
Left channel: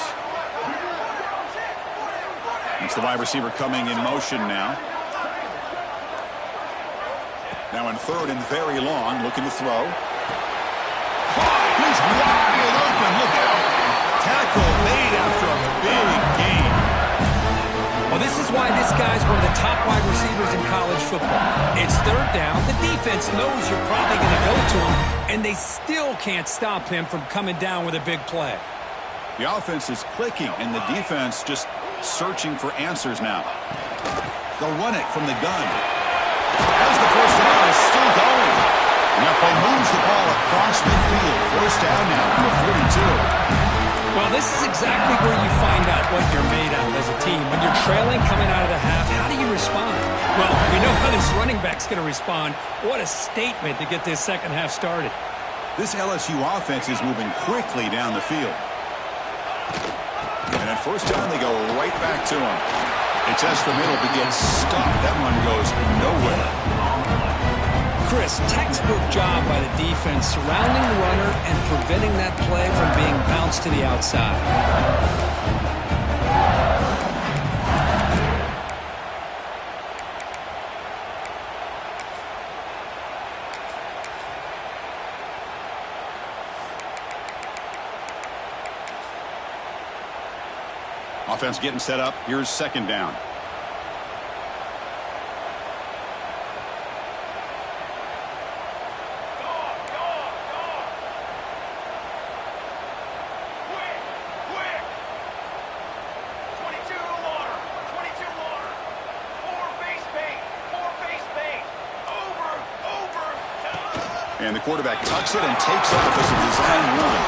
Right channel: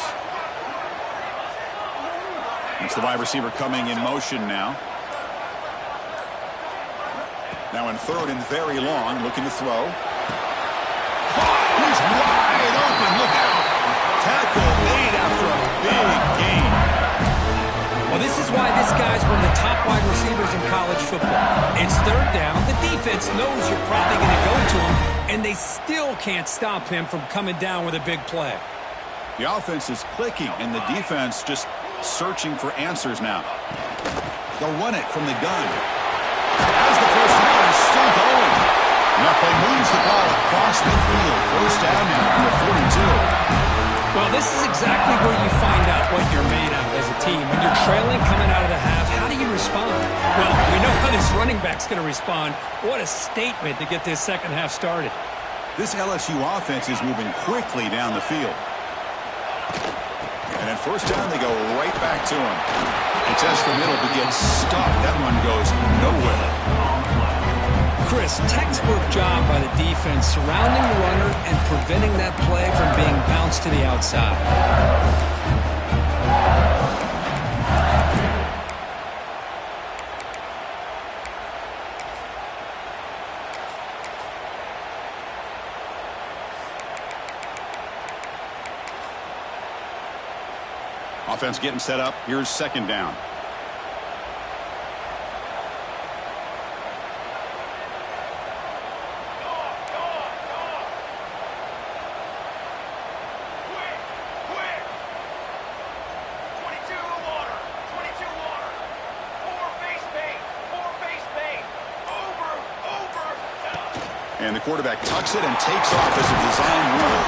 It's the wide receiver coming in motion now. Now in third and very long, looking to throw. He's wide open. Look out. Tackle made after a big gain. Well, this is why this guy's one of the top wide receivers in college football. It's third down. The defense knows you're probably going to go to him, and they still can't stop him from coming down with a big play. The offense is clicking, and the defense just searching for answers now. They'll run it from the gun. As the first down is still going. And that play moves the ball across midfield. First down now from the 42. Well, this is exactly where you find out what you're made of as a team. When you're trailing coming out of the half, how do you respond? Well, we know how this running back's going to respond. What a statement to get this second half started. This LSU offense is moving quickly down the field. And at first down, they go right back to him. They test the middle, but gets stuffed. That one goes nowhere. Chris, textbook job by the defense surrounding the runner and preventing that play from being bounced to the outside. Offense getting set up. Here's second down. And the quarterback tucks it and takes off as a design run.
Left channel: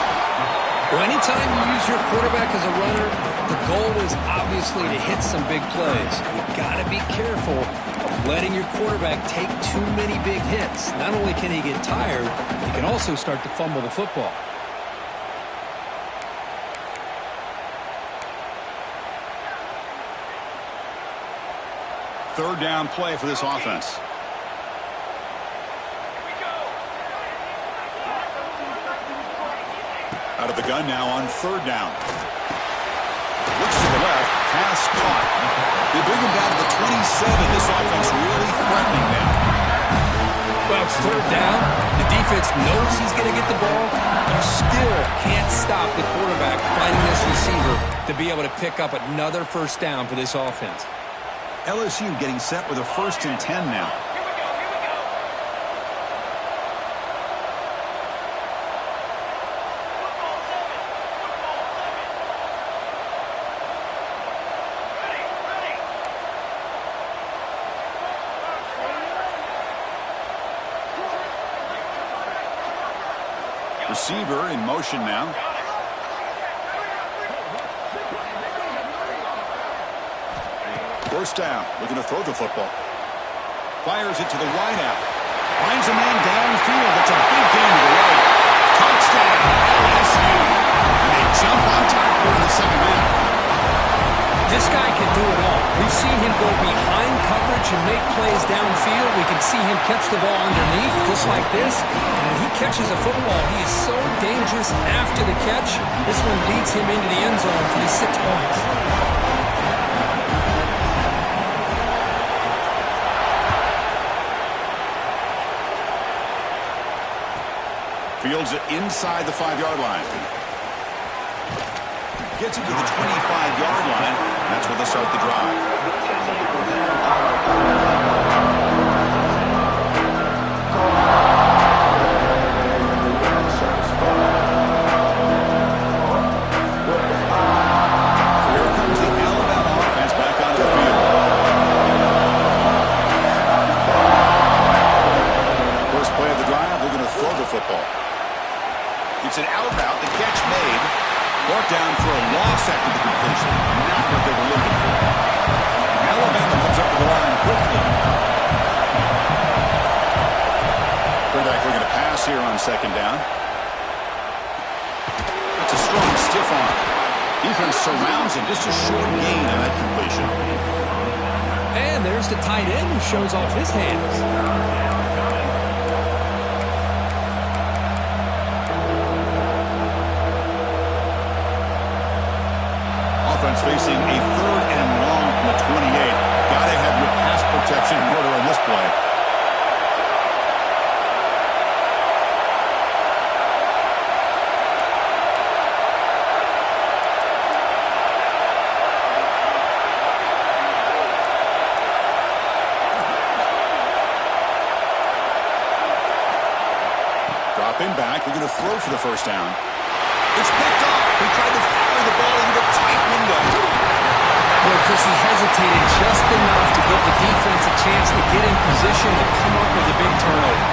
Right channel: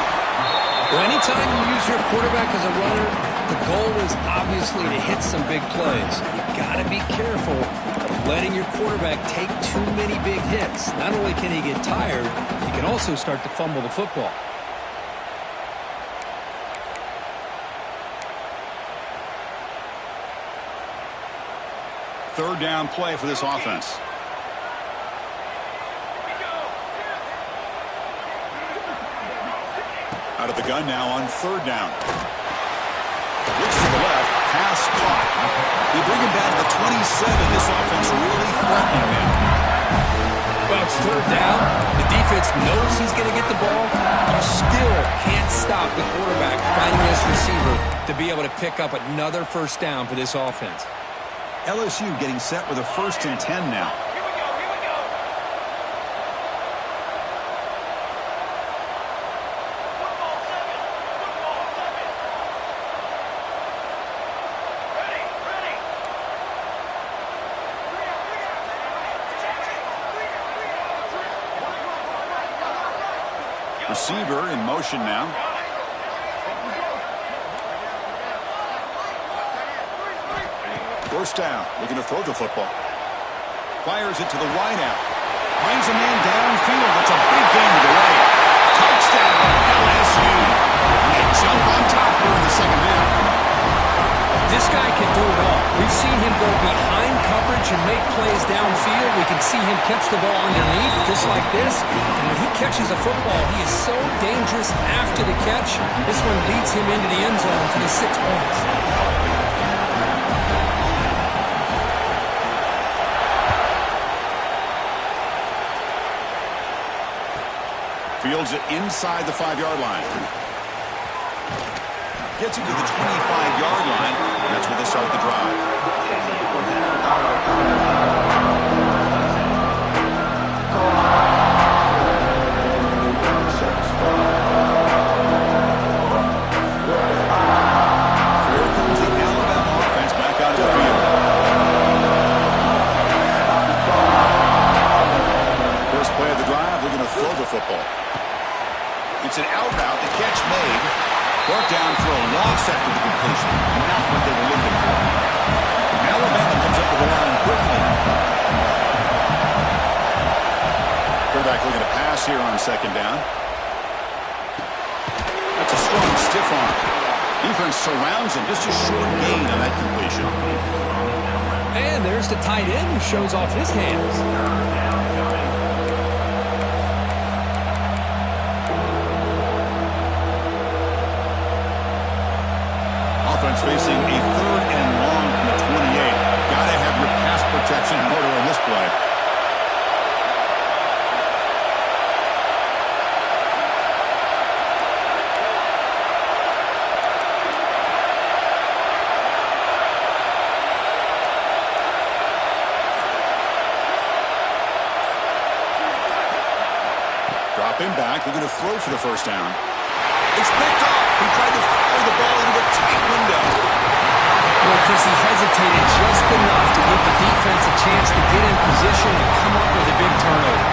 Well, anytime you use your quarterback as a runner, the goal is obviously to hit some big plays. You got to be careful of letting your quarterback take too many big hits. Not only can he get tired, he can also start to fumble the football. Third down play for this offense. Out of the gun now on third down. Looks to the left. Pass caught. They bring him down to the 27. This offense really threatening now. Well, it's third down. The defense knows he's going to get the ball. You still can't stop the quarterback finding this receiver to be able to pick up another first down for this offense. LSU getting set with a 1st and 10 now. Receiver in motion now. First down, looking to throw the football. Fires it to the wideout. Finds a man downfield. It's a big gain to the right. Touchdown, LSU. And they jump on top here in the second half. This guy can do it all. We've seen him go behind coverage and make plays downfield. We can see him catch the ball underneath, just like this. And when he catches a football, he is so dangerous after the catch. This one leads him into the end zone for the 6 points. Fields it inside the 5-yard line. Gets it to the 25-yard line. And that's where they start the drive. So here comes the Alabama offense back onto the field. First play of the drive, they're going to throw the football. It's an out route, the catch made. Brought down for a loss after the completion. Not what they were looking for. Alabama comes up to the line quickly. Quarterback looking to pass here on second down. That's a strong stiff arm. Defense surrounds him. Just a short gain on that completion. And there's the tight end who shows off his hands. Offense facing a 3rd and long from the 28. Got to have your pass protection in order in this play. Dropping back, looking to throw for the first down. It's picked off. He tried to fire the ball into a tight window. Well, Chris, he hesitated just enough to give the defense a chance to get in position and come up with a big turnover.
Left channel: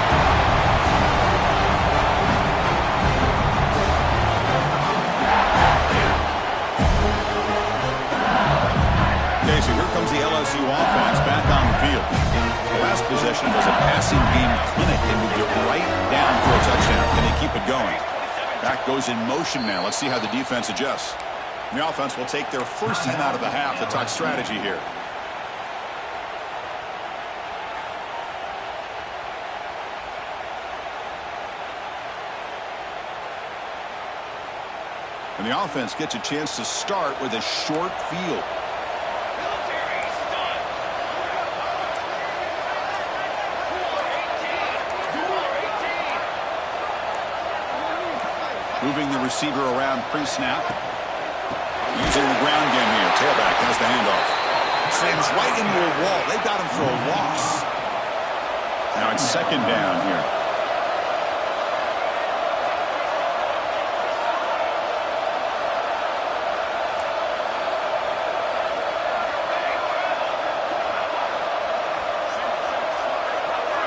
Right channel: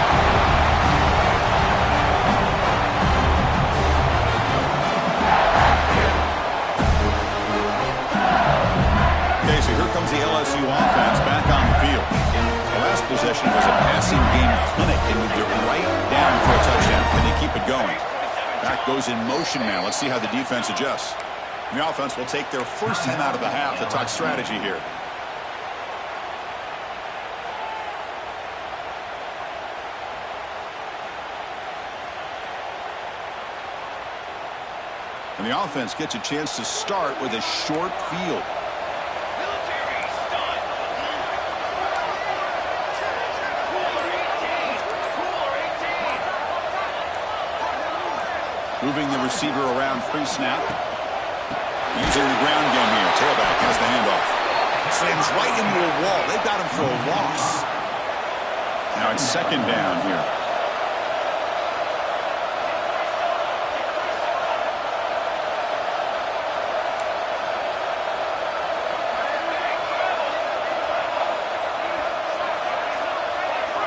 Okay, so here comes the LSU offense back on the field. The last possession was a passing game clinic. They moved it right down for a touchdown. Can they keep it going? Back goes in motion now. Let's see how the defense adjusts. The offense will take their first time out of the half to talk strategy here. And the offense gets a chance to start with a short field. Military stun. Cooler 18. Cooler 18. Moving the receiver around pre-snap. Using the ground game here. Tailback has the handoff. Slams right into a wall. They've got him for a loss. Now it's second down here.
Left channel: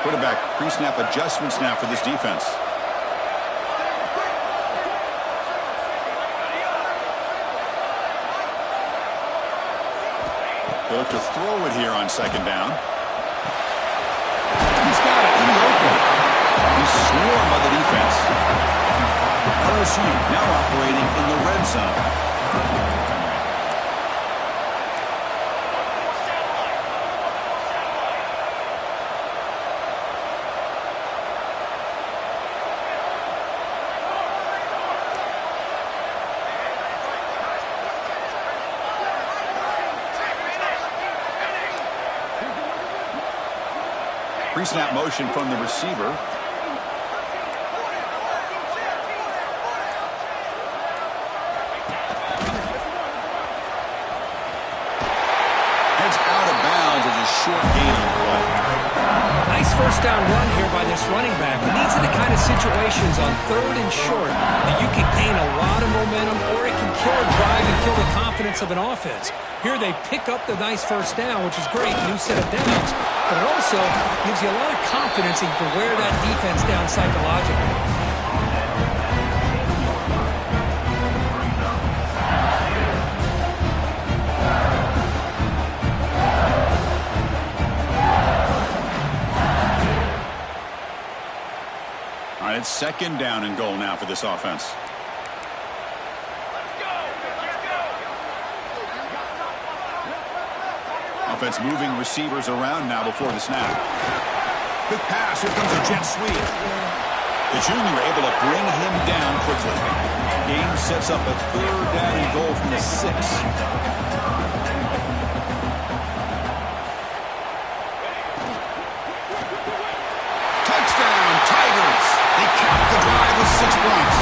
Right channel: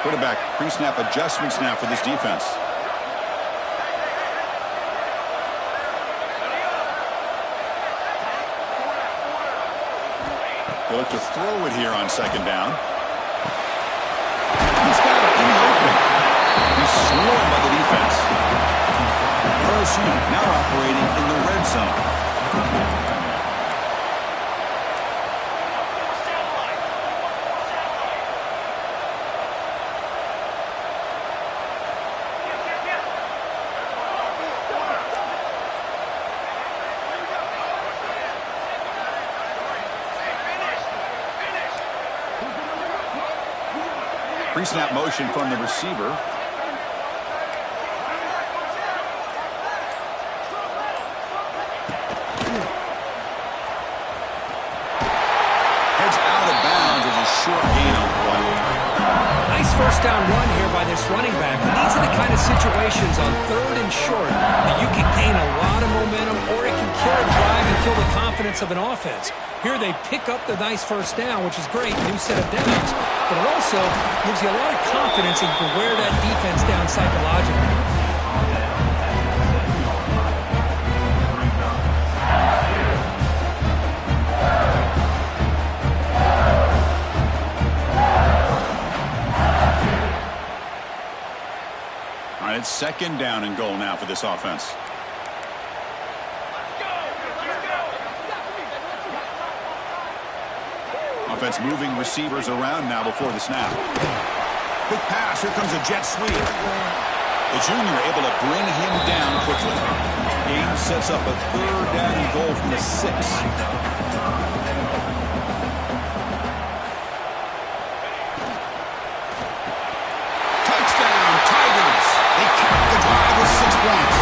Quarterback pre-snap adjustments now for this defense. They look to throw it here on second down. He's got it in the open. He's swarmed by the defense. LSU now operating in the red zone. Pre-snap motion from the receiver. Heads out of bounds as a short gain on the play. Nice first down run here by this running back. And these are the kind of situations on 3rd and short that you can gain a lot of momentum, or it can kill a drive and kill the confidence of an offense. Here they pick up the nice first down, which is great, new set of downs, but it also gives you a lot of confidence that you can wear that defense down psychologically. Second down and goal now for this offense. Let's go. Let's go. Offense moving receivers around now before the snap. Big pass. Here comes a jet sweep. The junior able to bring him down quickly. Game sets up a third down and goal from the 6. Touchdown, Tigers. They cap the drive with 6 points.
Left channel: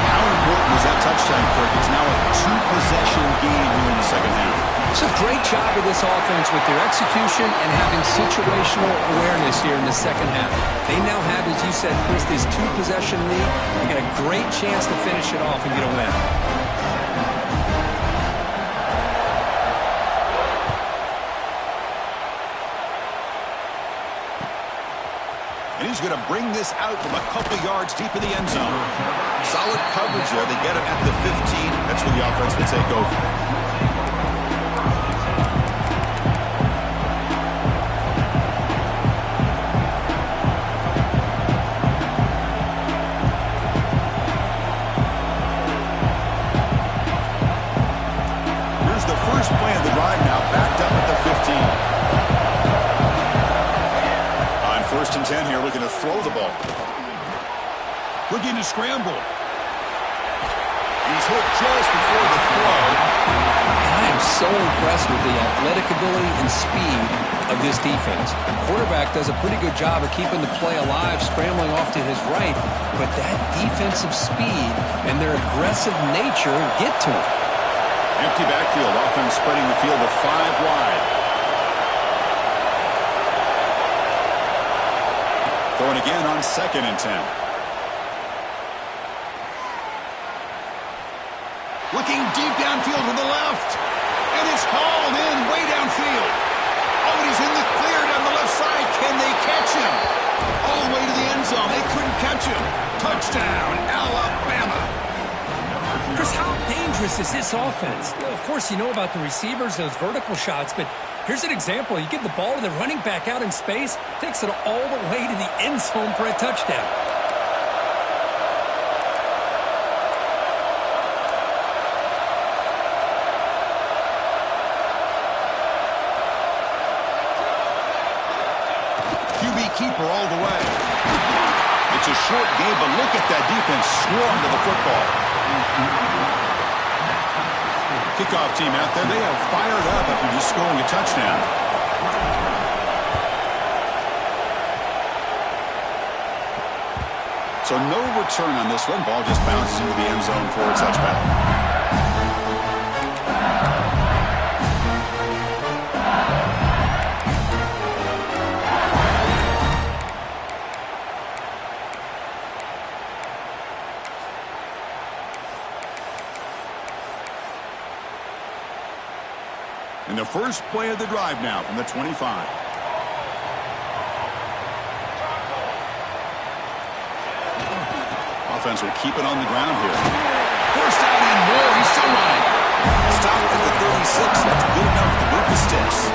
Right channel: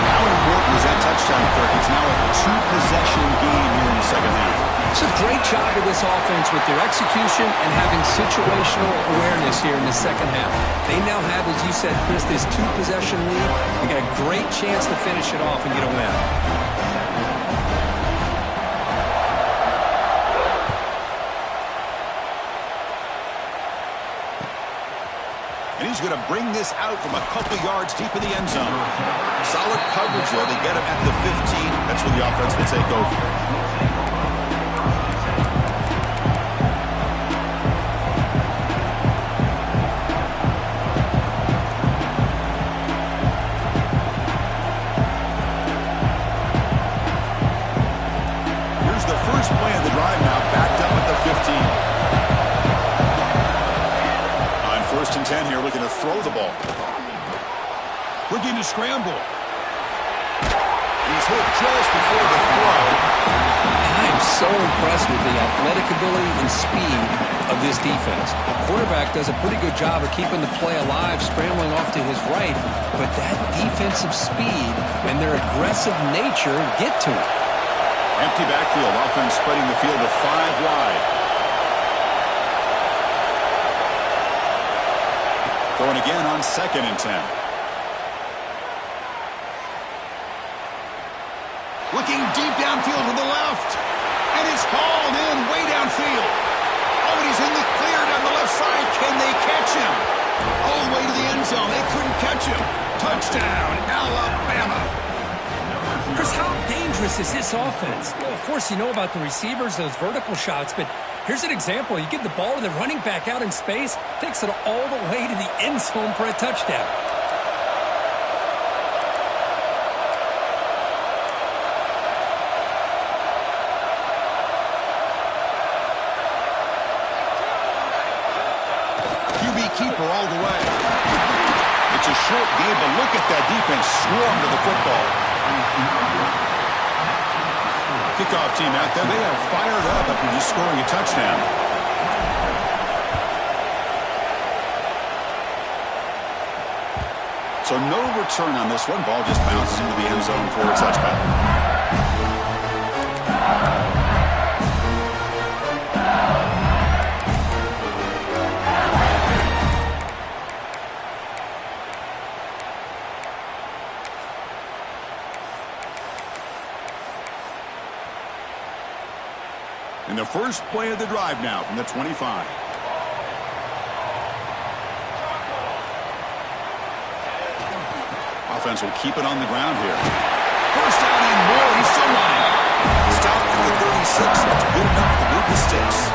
How important is that touchdown, Kirk? It's now a 2-possession game here in the second half. It's a great job of this offense with their execution and having situational awareness here in the second half. They now have, as you said, Chris, this 2-possession lead. They got a great chance to finish it off and get a win. And he's going to bring this out from a couple yards deep in the end zone. Solid coverage there. They get him at the 15. That's where the offense will take over. The first play of the drive now, backed up at the 15. On 1st and 10 here, looking to throw the ball. Looking to scramble. He's hit just before the throw. And I am so impressed with the athletic ability and speed of this defense. Quarterback does a pretty good job of keeping the play alive, scrambling off to his right, but that defensive speed and their aggressive nature get to him. Empty backfield. Offense spreading the field to 5 wide. Throwing again on 2nd and 10. Looking deep downfield to the left. And it's hauled in way downfield. Oh, and he's in the clear down the left side. Can they catch him? All the way to the end zone. They couldn't catch him. Touchdown, Alabama. Chris, how dangerous is this offense? Well, of course, you know about the receivers, those vertical shots, but here's an example. You give the ball to the running back out in space, takes it all the way to the end zone for a touchdown. QB keeper all the way. It's a short game, but look at that defense swarm to the football. Kickoff team out there. They are fired up after just scoring a touchdown. So no return on this one. Ball just bounces into the end zone for a touchback. And the first play of the drive now from the 25. Offense will keep it on the ground here. First down and more. He's still running. Stopped at the 36. That's good enough to move the sticks.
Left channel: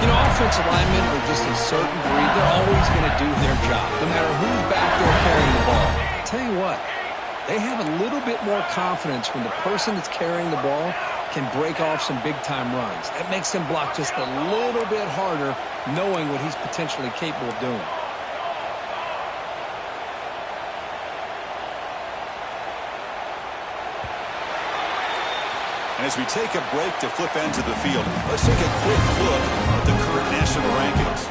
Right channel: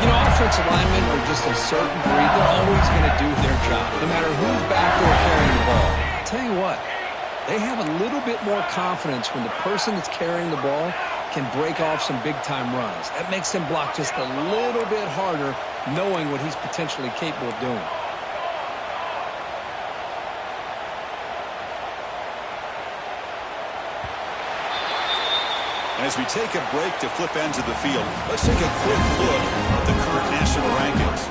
You know, offensive linemen are just a certain breed. They're always going to do their job, no matter who's back there carrying the ball. I'll tell you what, they have a little bit more confidence when the person that's carrying the ball can break off some big-time runs. That makes them block just a little bit harder, knowing what he's potentially capable of doing. And as we take a break to flip ends of the field, let's take a quick look at the current national rankings.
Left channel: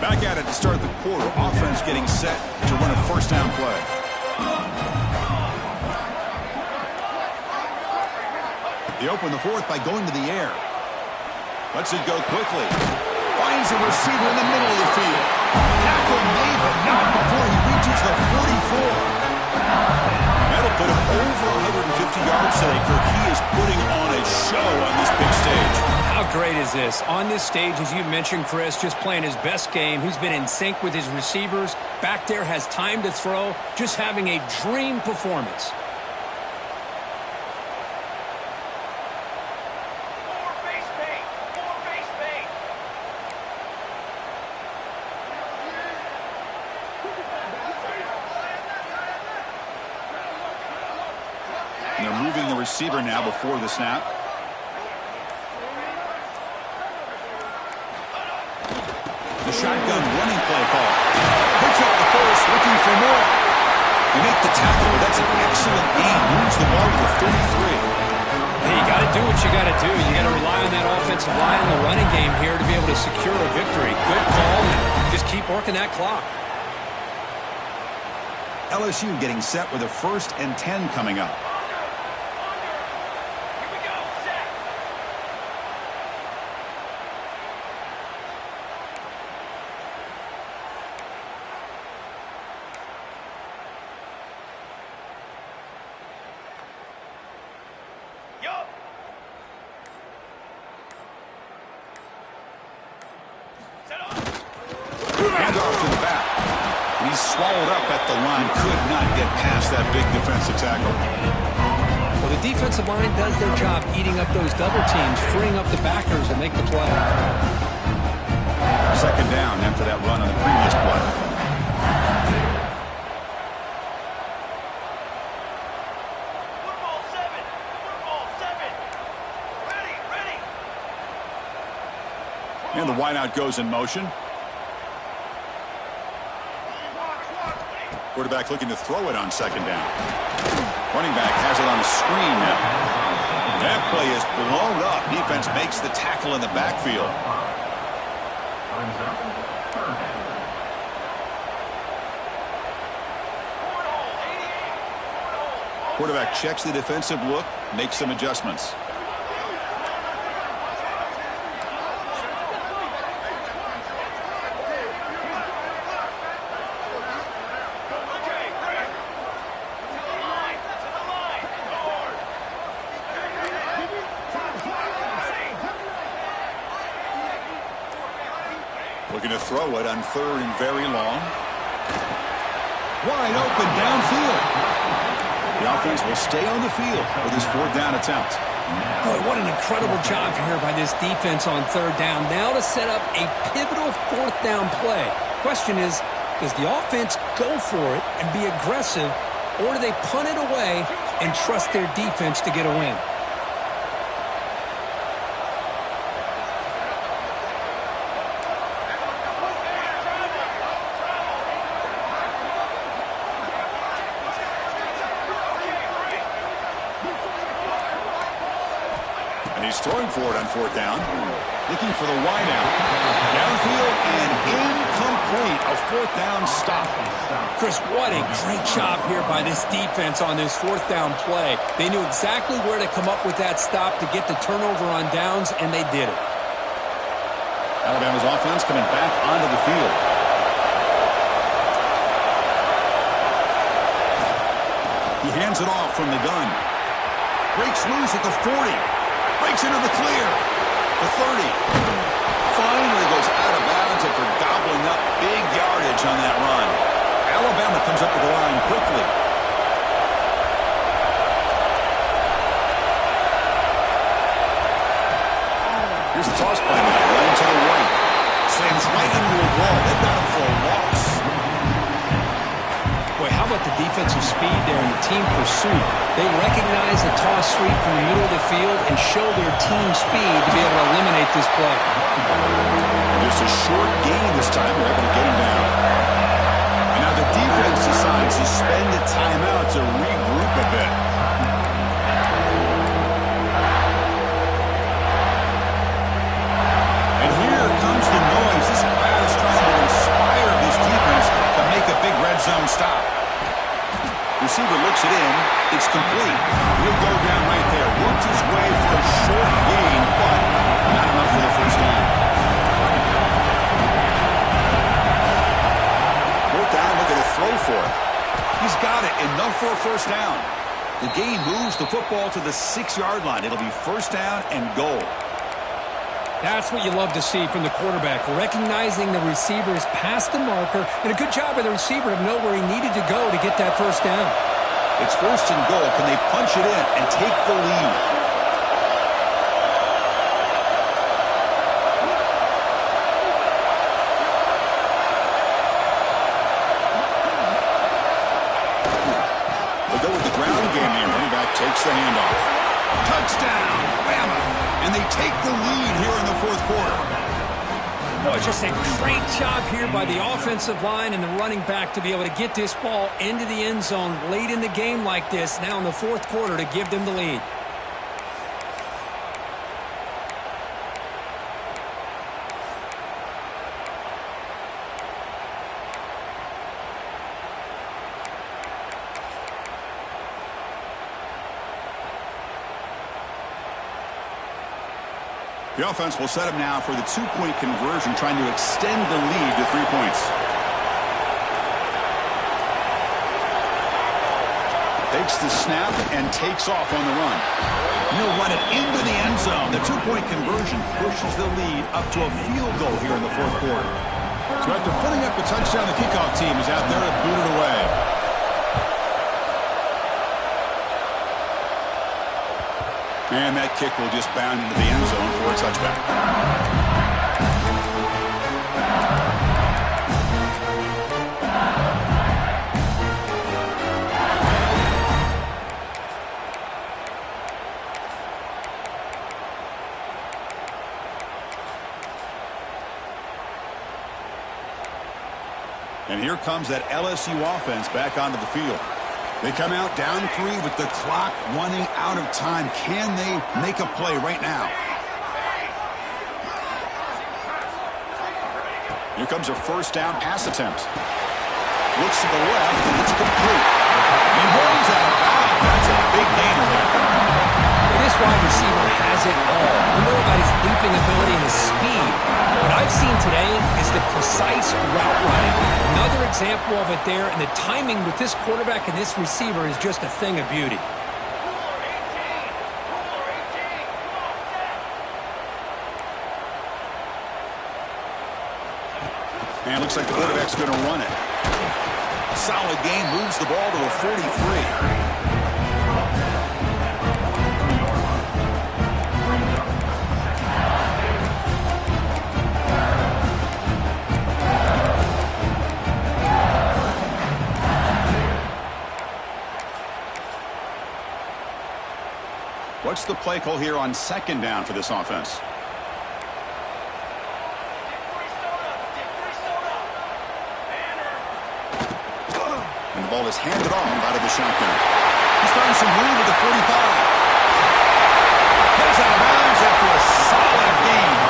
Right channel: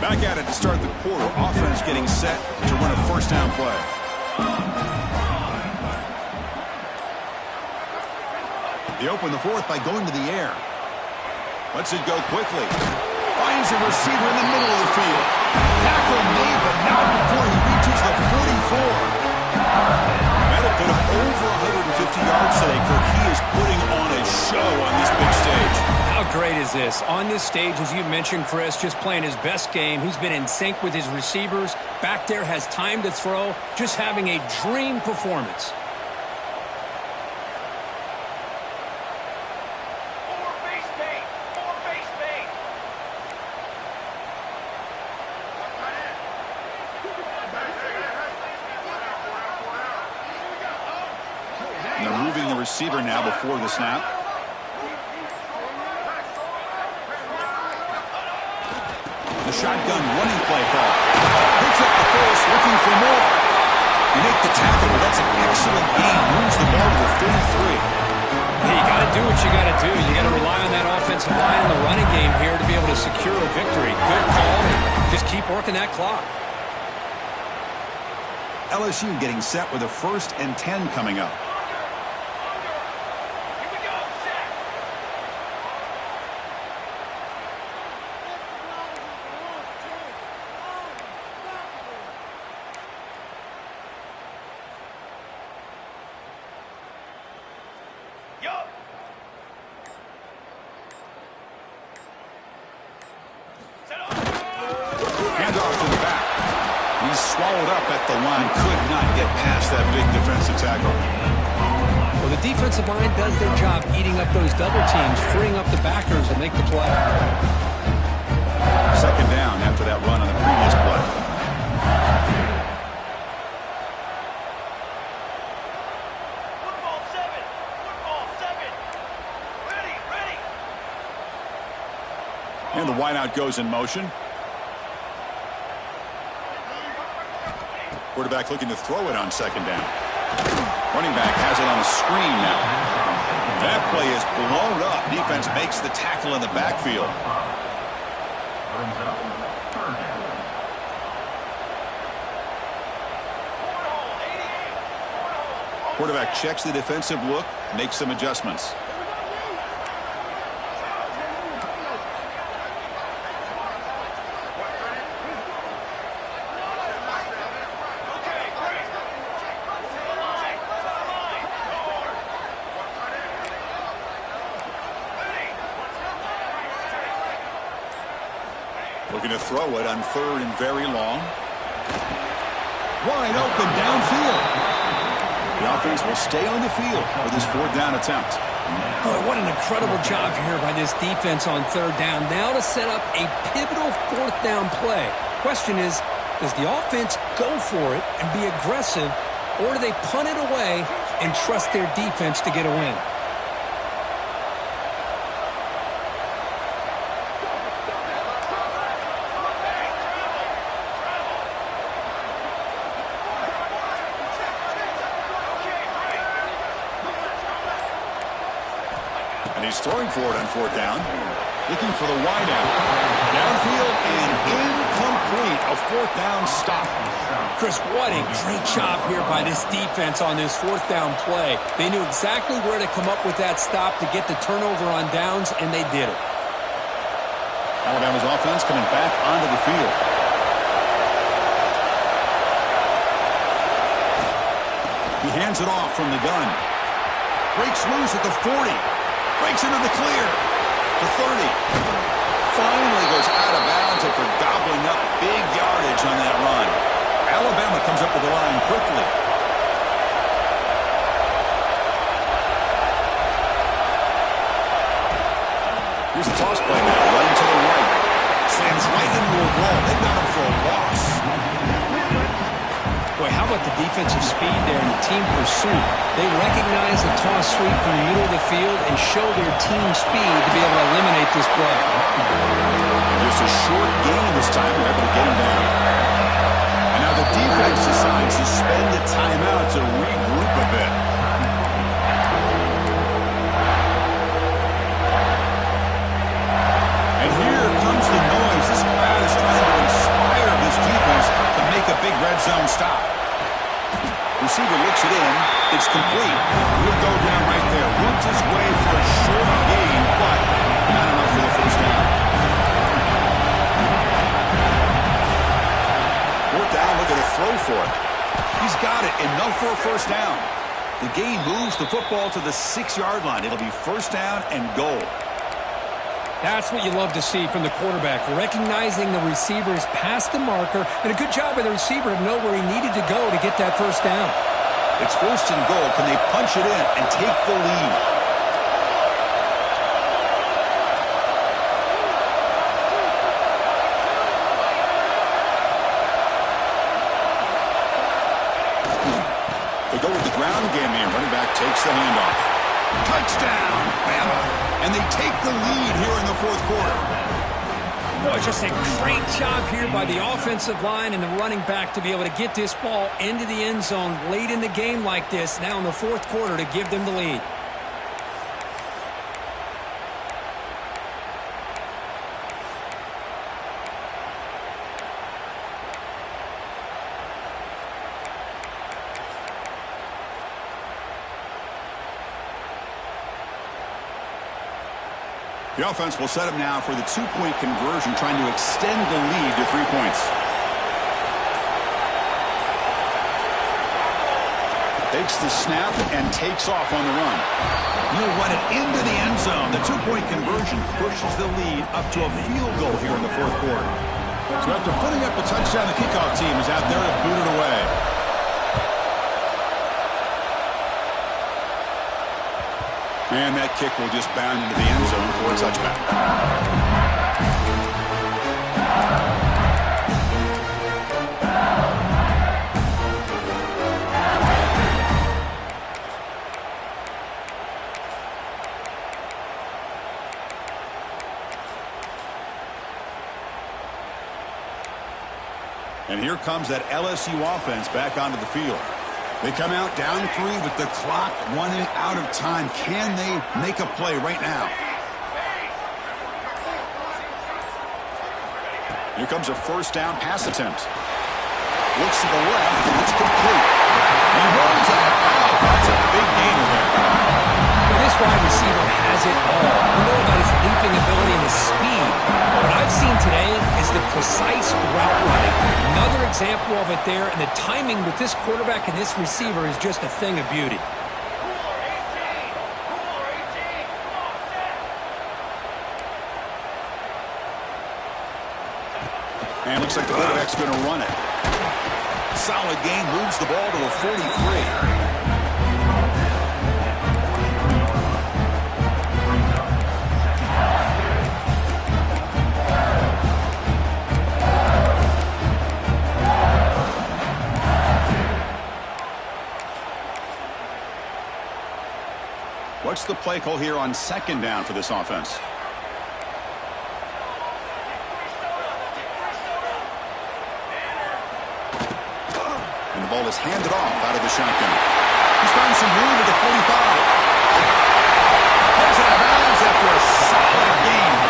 Back at it to start the quarter. Offense getting set to run a first down play. They open the fourth by going to the air. Lets it go quickly. Finds a receiver in the middle of the field. Tackle made, but not before he reaches the 44. That'll put him over 150 yards today, Kirk. He is putting on a show on this big stage. How great is this? On this stage, as you mentioned, Chris, just playing his best game. He's been in sync with his receivers. Back there, has time to throw. Just having a dream performance. More base paint. More base paint. And they're moving the receiver now before the snap. The shotgun running play call. Picks up the first, looking for more. You make the tackle, but that's an excellent gain. Moves the ball to the 33. Hey, you got to do what you got to do. You got to rely on that offensive line and the running game here to be able to secure a victory. Good call, and just keep working that clock. LSU getting set with a 1st and 10 coming up. Here we go. Set. Yup. Set up. Handoff to the back. He's swallowed up at the line. Could not get past that big defensive tackle. Well, the defensive line does their job eating up those double teams, freeing up the backers and make the play. 2nd down after that run on the previous play. Football 7. Football 7. Ready. Ready. And the wideout goes in motion. Quarterback looking to throw it on 2nd down. Running back has it on a screen now. That play is blown up. Defense makes the tackle in the backfield. Cornhole 88. Cornhole. Quarterback checks the defensive look, makes some adjustments. Okay, great. To the line. To the line. Guard. Ready. Looking to throw it on 3rd and very long. Wide open downfield. The offense will stay on the field for this 4th down attempt. Boy, what an incredible job here by this defense on 3rd down. Now to set up a pivotal 4th down play. Question is, does the offense go for it and be aggressive, or do they punt it away and trust their defense to get a win? And he's throwing for it on 4th down. Looking for the wideout. Downfield and incomplete. A 4th down stop. Chris, what a great job here by this defense on this 4th down play. They knew exactly where to come up with that stop to get the turnover on downs, and they did it. Alabama's offense coming back onto the field. He hands it off from the gun. Breaks loose at the 40. Breaks into the clear. The 30. Finally goes out of bounds after gobbling up big yardage on that run. Alabama comes up to the line quickly. Here's the toss play now. Running to the right. Slams right into a wall. They've got him for a loss. Boy, how about the defensive speed there and the team pursuit? They recognize the toss sweep from the middle of the field and show their team speed to be able to eliminate this play. And just a short gain this time. They're able to get him down. And now the defense decides to spend a timeout to regroup a bit. And here comes the noise. This crowd is trying to inspire this defense to make a big red zone stop. Receiver looks it in. It's complete. He'll go down right there. Works his way for a short gain, but not enough for the 1st down. 4th down, looking to throw for it. He's got it. Enough for a 1st down. The gain moves the football to the 6-yard line. It'll be 1st down and goal. That's what you love to see from the quarterback, recognizing the receiver is past the marker, and a good job by the receiver to know where he needed to go to get that first down. It's first and goal. Can they punch it in and take the lead? They'll go with the ground game here. Running back takes the handoff. Touchdown, Bama. And they take the lead here in the fourth quarter. Boy, just a great job here by the offensive line and the running back to be able to get this ball into the end zone late in the game like this, now in the fourth quarter, to give them the lead. The offense will set up now for the two-point conversion, trying to extend the lead to 3 points. Takes the snap and takes off on the run. He'll run it into the end zone. The two-point conversion pushes the lead up to a field goal here in the fourth quarter. So after putting up the touchdown, the kickoff team is out there to boot it away. And that kick will just bound into the end zone for a touchback. And here comes that LSU offense back onto the field. They come out down 3 with the clock running out of time. Can they make a play right now? Here comes a first down pass attempt. Looks to the left, and it's complete. He runs that out. That's a big gainer there. This wide receiver has it all. We know about his leaping ability and his speed. What I've seen today is the precise route running. Another example of it there, and the timing with this quarterback and this receiver is just a thing of beauty. And looks like the quarterback's going to run it. Solid gain, moves the ball to the 43. What's the play call here on second down for this offense? And the ball is handed off out of the shotgun. He's found some room at the 45. Heads out of bounds after a solid game.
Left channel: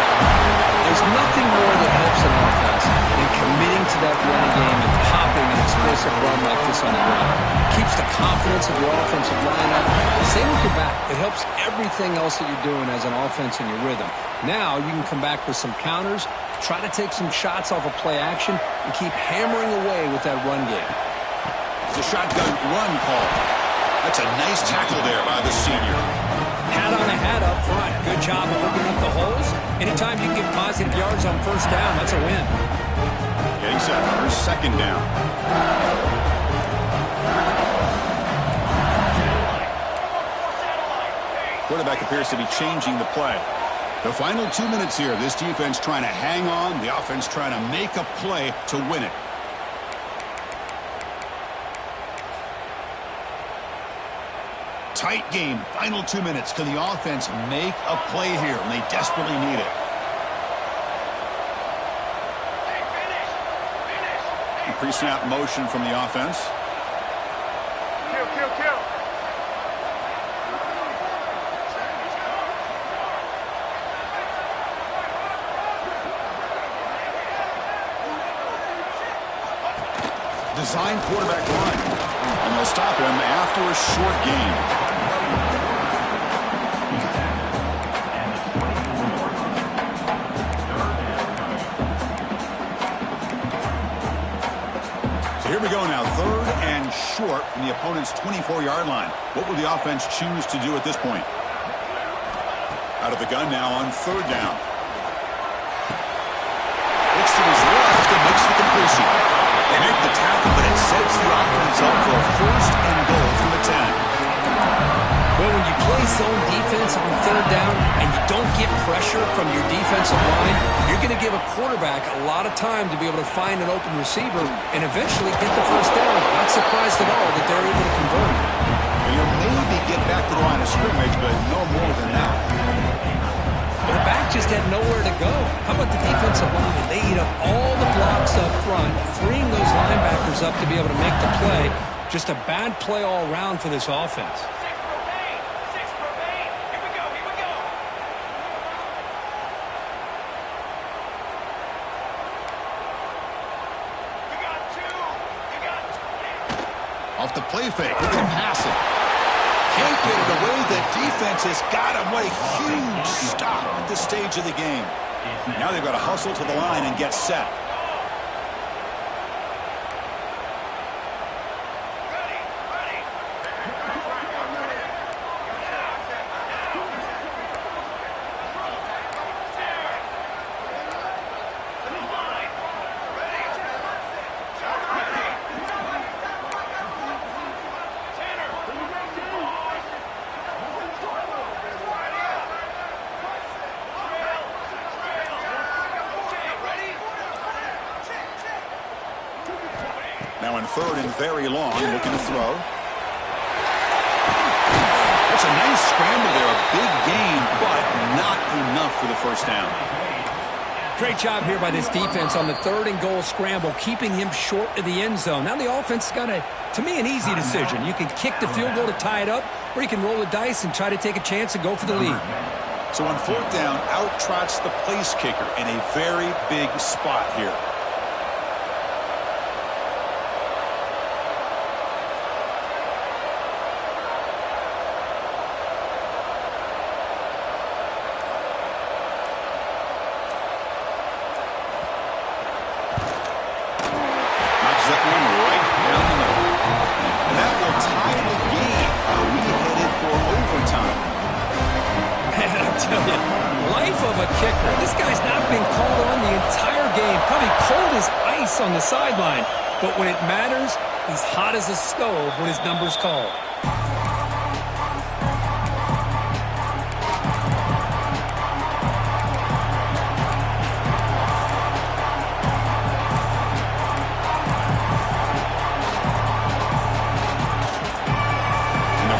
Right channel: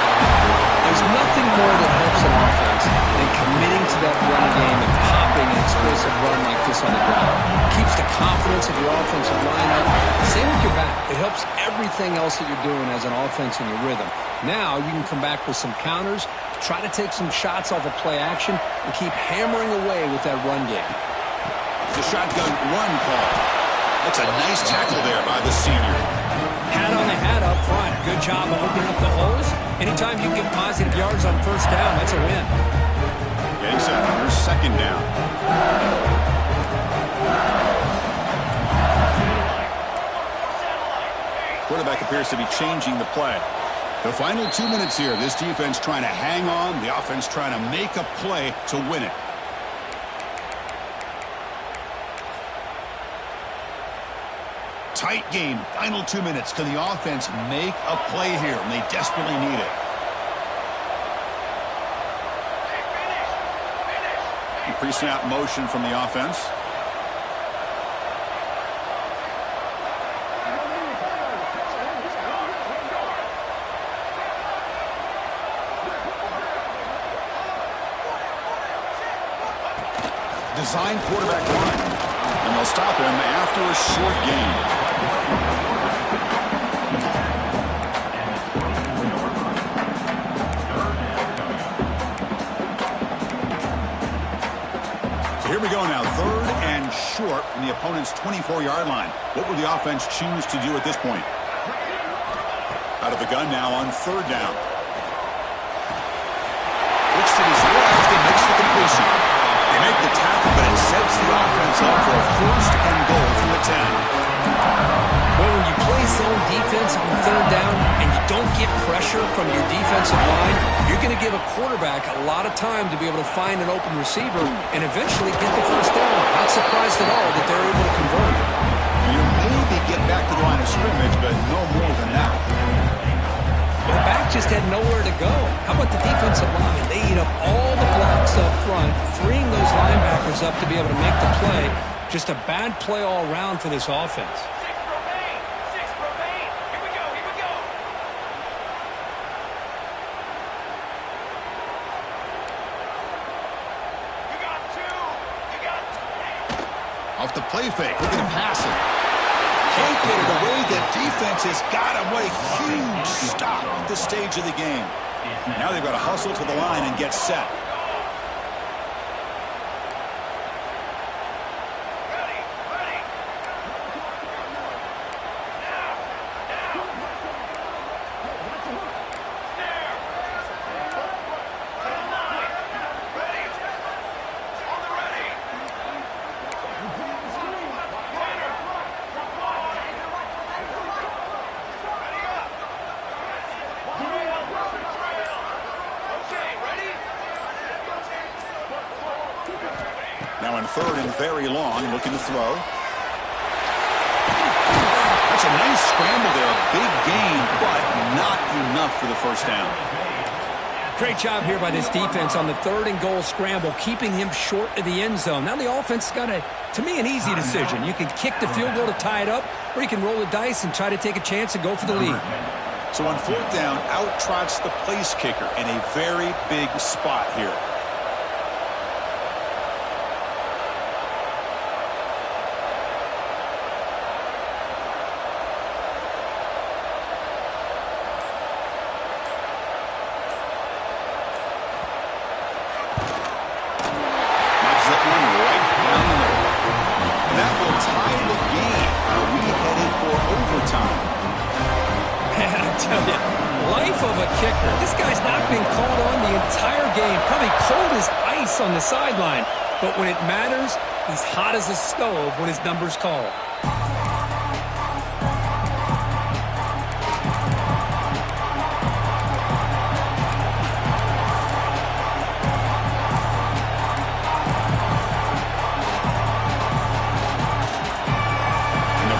There's nothing more that helps an offense than committing to that running game and popping an explosive run like this on the ground. Keeps the confidence of your offensive lineup. Same with your back. It helps everything else that you're doing as an offense in your rhythm. Now you can come back with some counters, try to take some shots off of play action, and keep hammering away with that run game. It's a shotgun run call. That's a nice tackle there by the senior. Hat on the hat up front. Good job of opening up the holes. Anytime you can get positive yards on first down, that's a win. Getting set. Here's second down. Quarterback appears to be changing the play. The final 2 minutes here. This defense trying to hang on. The offense trying to make a play to win it. Tight game. Final 2 minutes. Can the offense make a play here? And they desperately need it. Pre-snap motion from the offense. Design quarterback run. And they'll stop him after a short gain. Here we go now, third and short from the opponent's 24-yard line. What will the offense choose to do at this point? Out of the gun now on third down. Looks to his left and makes the completion. They make the tackle, but it sets the offense up for a first and goal from the 10. Well, when you play zone defense on third down and you don't get pressure from your defensive line, you're going to give a quarterback a lot of time to be able to find an open receiver and eventually get the first down. Not surprised at all that they're able to convert. And you'll maybe get back to the line of scrimmage, but no more than that. The back just had nowhere to go. How about the defensive line? They eat up all the blocks up front, freeing those linebackers up to be able to make the play. Just a bad play all around for this offense. Six remain. Here we go. You got 2. You got 20. Off the play fake, looking to pass it. Can't get it away. The defense has got him. What a huge stop at this stage of the game. Now they've got to hustle to the line and get set. Ready. There. To the line. Ready. On the ready. Tanner. Ready up. Trail. Okay, ready? Now in third and very long, looking to throw. That's a nice scramble there. A big gain, but not enough for the first down. Great job here by this defense on the third and goal scramble, keeping him short of the end zone. Now the offense has got, to me, an easy decision. You can kick the field goal to tie it up, or you can roll the dice and try to take a chance and go for the lead. So on fourth down, out trots the place kicker in a very big spot here. That one right down the middle. And that will tie the game. Are we headed for overtime? Man, I tell you, life of a kicker. This guy's not been called on the entire game. Probably cold as ice on the sideline. But when it matters, he's hot as a stove when his number's called.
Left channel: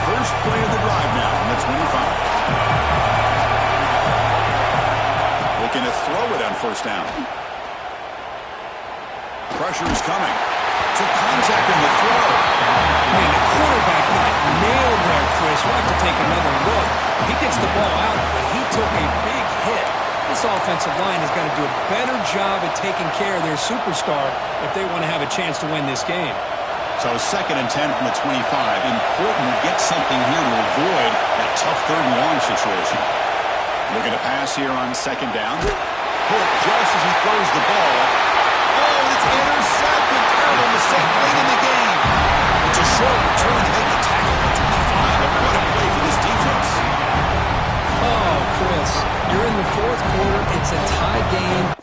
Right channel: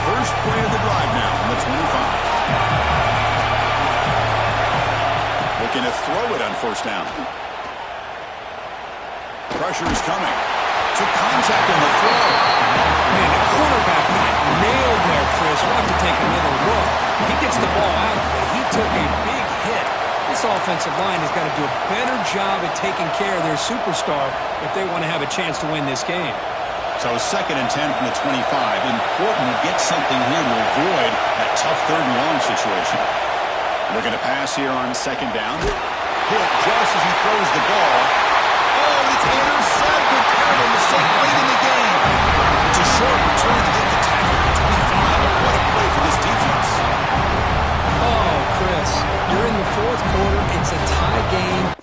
First play of the drive now on the 25. Looking to throw it on first down. Pressure is coming. Took contact in the throw. Man, the quarterback got nailed there, Chris. We'll have to take another look. He gets the ball out, but he took a big hit. This offensive line has got to do a better job at taking care of their superstar if they want to have a chance to win this game. So second and 10 from the 25. Important to get something here to avoid that tough third and long situation. Looking to pass here on second down. Hit just as he throws the ball. Oh, and it's intercepted. Terrible mistake late in the game. It's a short return to make the tackle at the 25. But what a play for this defense. Oh, Chris, you're in the fourth quarter. It's a tie game.